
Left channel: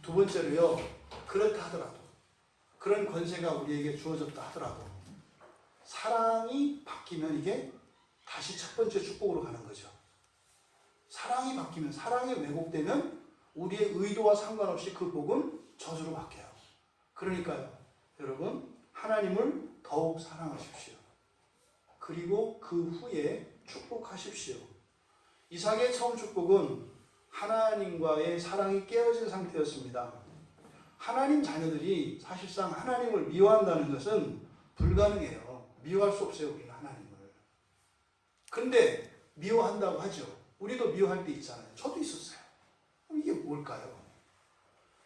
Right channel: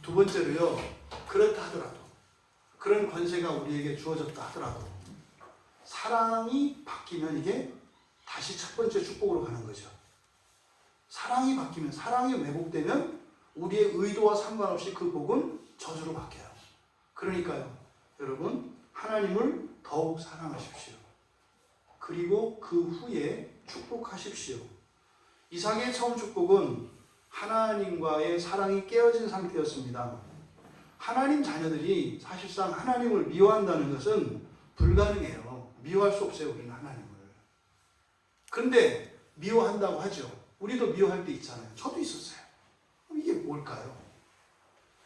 두 번째로요, 그렇다 하더라도 그런 권세가 우리에게 주어졌다 하더라도 사랑이 바뀌면 이게 다시 첫 번째 축복으로 가는 거죠. 사랑이 바뀌면, 사랑이 왜곡되면 우리의 의도와 상관없이 그 복은 저주로 바뀌어요. 그러니까요, 여러분, 하나님을 더욱 사랑하십시오. 그리고 그 후에 축복하십시오. 이삭의 처음 축복은 하나님과의 사랑이 깨어진 상태였습니다. 하나님 자녀들이 사실상 하나님을 미워한다는 것은 불가능해요. 미워할 수 없어요, 우리는 하나님을. 그런데 미워한다고 하죠. 우리도 미워할 때 있잖아요. 저도 있었어요. 이게 뭘까요?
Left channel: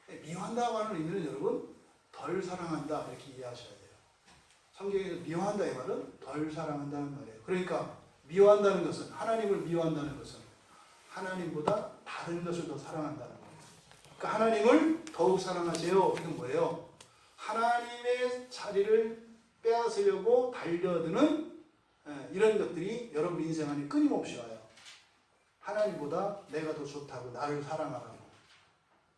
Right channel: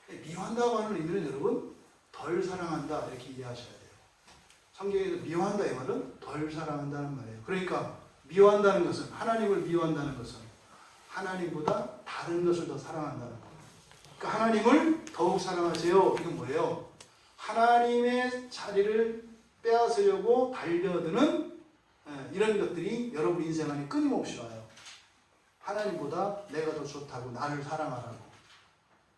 미워한다고 하는 의미는 여러분, 덜 사랑한다 이렇게 이해하셔야 돼요. 성경에서 미워한다 이 말은 덜 사랑한다는 말이에요. 그러니까 미워한다는 것은, 하나님을 미워한다는 것은 하나님보다 다른 것을 더 사랑한다는 거예요. 그러니까 하나님을 더욱 사랑하세요. 이건 뭐예요? 하나님의 자리를 빼앗으려고 달려드는 이런 것들이 여러분 인생 안에 끊임없이 와요. 하나님보다 내가 더 좋다고 나를 사랑하라고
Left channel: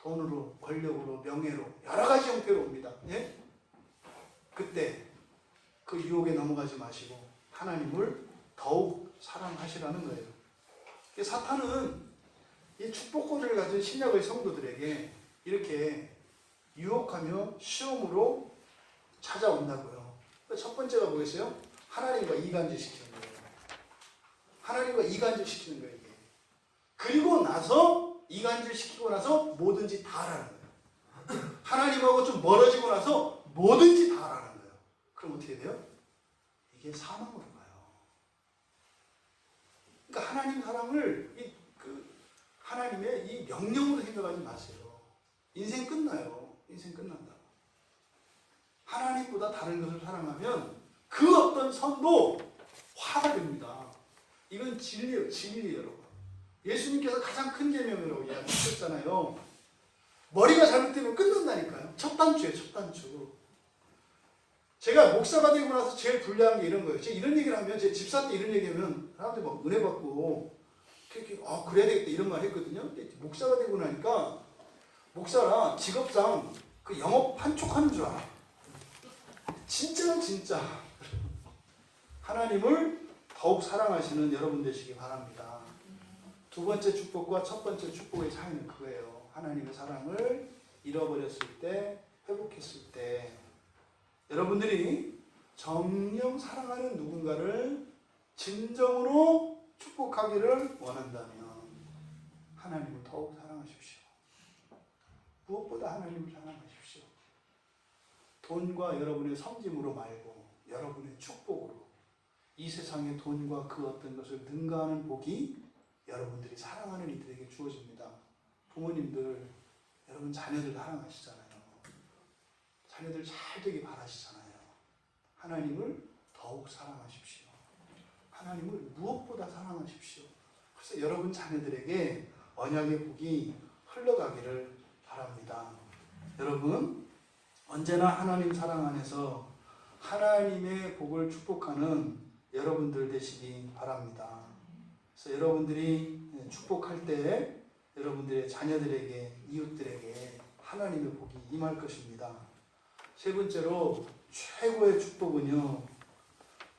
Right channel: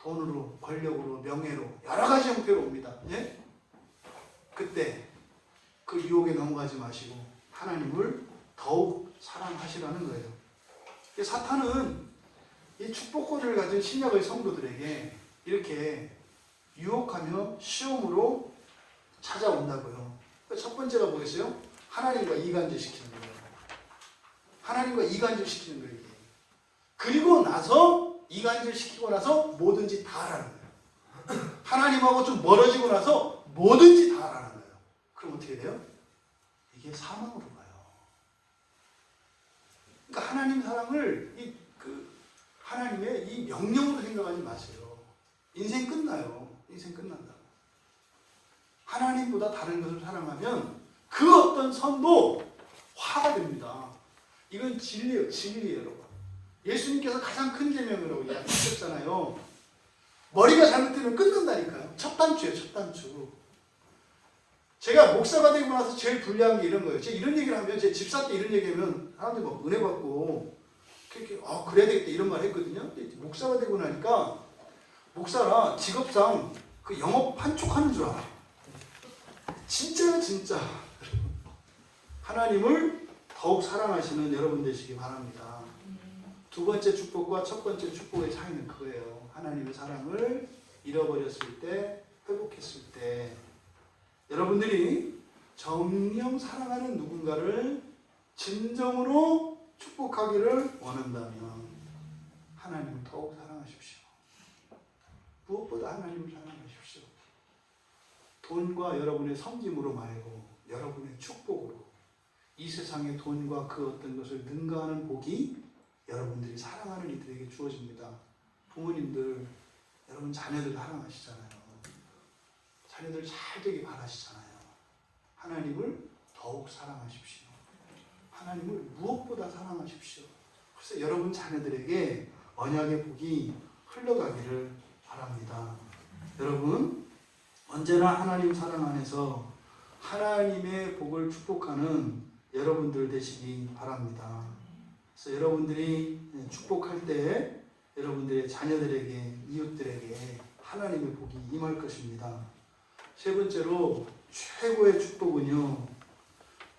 돈으로, 권력으로, 명예로 여러 가지 형태로 옵니다. 예? 그때 그 유혹에 넘어가지 마시고 하나님을 더욱 사랑하시라는 거예요. 사탄은 이 축복권을 가진 신약의 성도들에게 이렇게 유혹하며 시험으로 찾아온다고요. 첫 번째가 뭐겠어요? 하나님과 이간질 시키는 거예요. 하나님과 이간질 시키는 거예요. 이게. 그리고 나서 이간질 시키고 나서 뭐든지 다 하라는 거예요. 하나님하고 좀 멀어지고 나서 뭐든지 다 하라는 거예요. 그럼 어떻게 돼요? 이게 사망으로 가요. 그러니까 하나님 사랑을 하나님의 이 명령으로 생각하지 마세요. 인생 끝나요. 인생 끝난다고. 하나님보다 다른 것을 사랑하면 그 어떤 선도 화가 됩니다. 이건 진리예요. 진리예요, 여러분. 예수님께서 가장 큰 계명이라고 이야기하셨잖아요. 머리가 잘못되면 끝난다니까요. 첫 단추예요. 첫 단추. 제가 목사가 되고 나서 제일 불리한 게 이런 거예요. 제가 이런 얘기를 하면 제 집사 때 이런 얘기하면 사람들이 막 은혜 받고 그렇게 그래야 되겠다 이런 말 했거든요. 근데 목사가 되고 나니까 목사라 직업상 그 영업 판촉하는 줄 알아. 진짜요, 진짜. 하나님을 더욱 사랑하시는 여러분 되시기 바랍니다. 두 번째 축복과 첫 번째 축복의 차이는 그거예요. 하나님의 사랑을 잃어버렸을 때, 회복했을 때 여러분들이 정녕 사랑하는 누군가를 진정으로 축복하기를 원한다면 하나님을 더욱 사랑하십시오. 무엇보다 하나님을 사랑하십시오. 돈과 여러분의 섬김으로 말고 여러분의 축복으로 이 세상의 돈과 그 어떤 것을 능가하는 복이 여러분들이 사랑하는 이들에게 주어집니다. 부모님들, 여러분 자녀들 사랑하시잖아요. 자녀들 잘 되길 바라시잖아요. 하나님을 더욱 사랑하십시오. 하나님을 무엇보다 사랑하십시오. 그래서 여러분 자녀들에게 언약의 복이 흘러가기를 바랍니다. 여러분 언제나 하나님 사랑 안에서 하나님의 복을 축복하는 여러분들 되시기 바랍니다. 그래서 여러분들이 축복할 때 여러분들의 자녀들에게, 이웃들에게 하나님의 복이 임할 것입니다. 세 번째로 최고의 축복은요,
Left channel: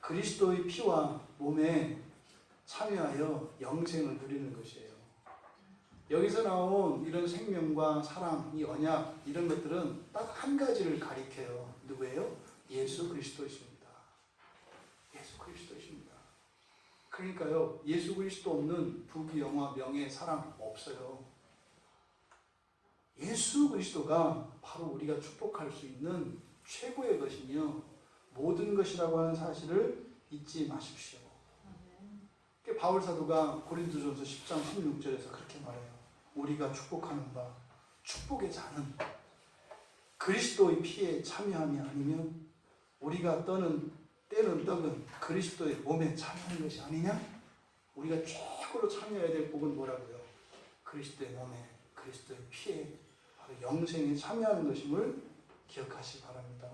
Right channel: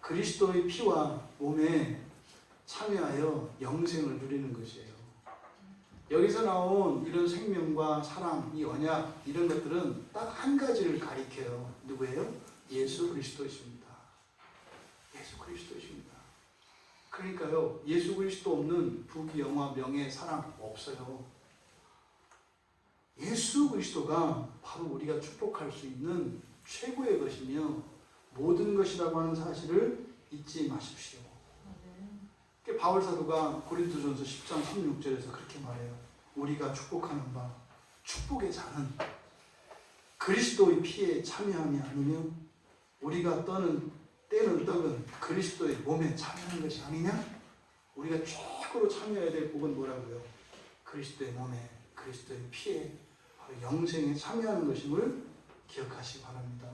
그리스도의 피와 몸에 참여하여 영생을 누리는 것이에요. 여기서 나온 이런 생명과 사랑, 이 언약, 이런 것들은 딱 한 가지를 가리켜요. 누구예요? 예수 그리스도이십니다. 예수 그리스도이십니다. 그러니까요, 예수 그리스도 없는 부귀, 영화, 명예, 사랑 없어요. 예수 그리스도가 바로 우리가 축복할 수 있는 최고의 것이며 모든 것이라고 하는 사실을 잊지 마십시오. 바울 사도가 고린도전서 10장 16절에서 그렇게 말해요. 우리가 축복하는 바 축복의 잔은 그리스도의 피에 참여함이 아니면 우리가 떼는 떡은 그리스도의 몸에 참여하는 것이 아니냐? 우리가 최고로 참여해야 될 복은 뭐라고요? 그리스도의 몸에, 그리스도의 피에 바로 영생에 참여하는 것임을 기억하시기 바랍니다.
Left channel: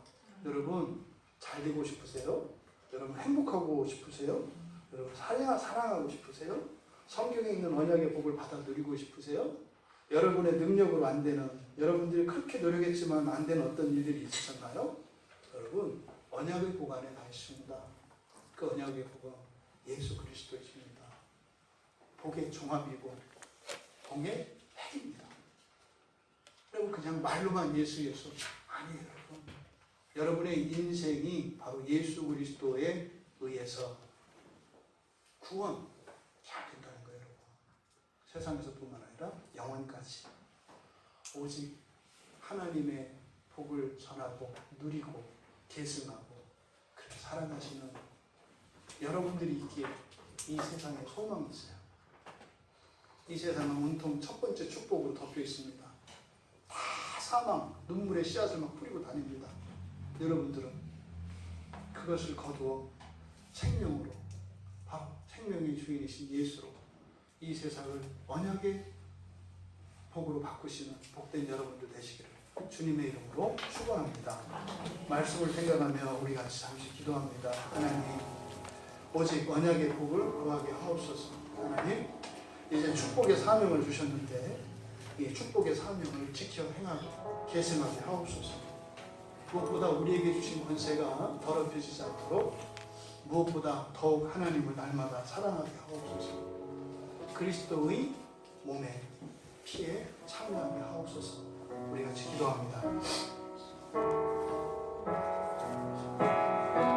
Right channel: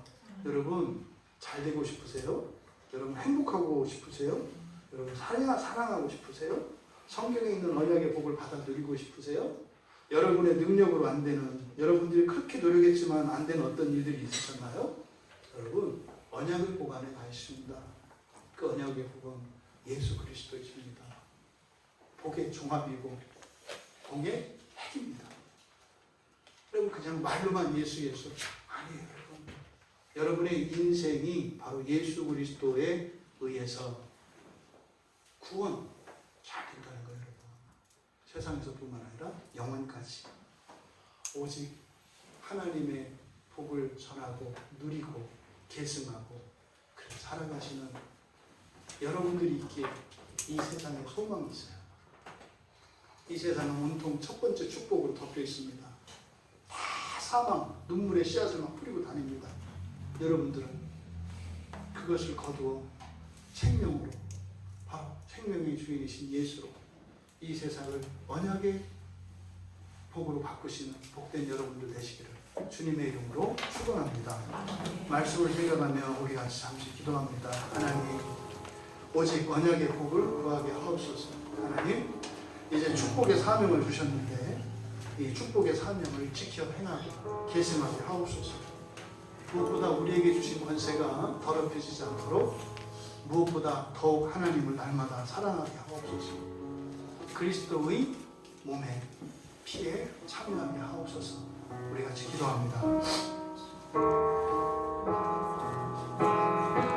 여러분 잘 되고 싶으세요? 여러분 행복하고 싶으세요? 여러분 사랑하고 싶으세요? 성경에 있는 언약의 복을 받아 누리고 싶으세요? 여러분의 능력으로 안 되는, 여러분들이 그렇게 노력했지만 안 되는 어떤 일들이 있으셨나요? 여러분 언약의 복 안에 가 있습니다. 그 언약의 복은 예수 그리스도이십니다. 복의 종합이고 복의 핵입니다. 여러분 그냥 말로만 예수 아니에요. 여러분의 인생이 바로 예수 그리스도에 의해서 구원 잘 된다는 거예요. 여러분. 세상에서뿐만 아니라 영원까지 오직 하나님의 복을 전하고 누리고 계승하고 그렇게 살아가시는 여러분들이 있기에 이 세상에 소망이 있어요. 이 세상은 온통 첫 번째 축복으로 덮여 있습니다. 다 사망, 눈물의 씨앗을 막 뿌리고 다닙니다. 여러분들은 그것을 거두어 생명으로, 바로 생명의 주인이신 예수로 이 세상을 언약의 복으로 바꾸시는 복된 여러분들 되시기를 주님의 이름으로 축원합니다. 말씀을 생각하며 우리 같이 잠시 기도합니다. 하나님, 오직 언약의 복을 구하게 하옵소서. 하나님, 이제 축복의 사명을 주셨는데 이 축복의 사명을 지켜 행하게 계승하게 하옵소서. 무엇보다 우리에게 주신 권세가 더럽혀지지 않도록 무엇보다 더욱 하나님을 날마다 사랑하게 하옵소서. 그리스도의 몸에 피에 참여하게 하옵소서. 우리 같이 기도하겠습니다.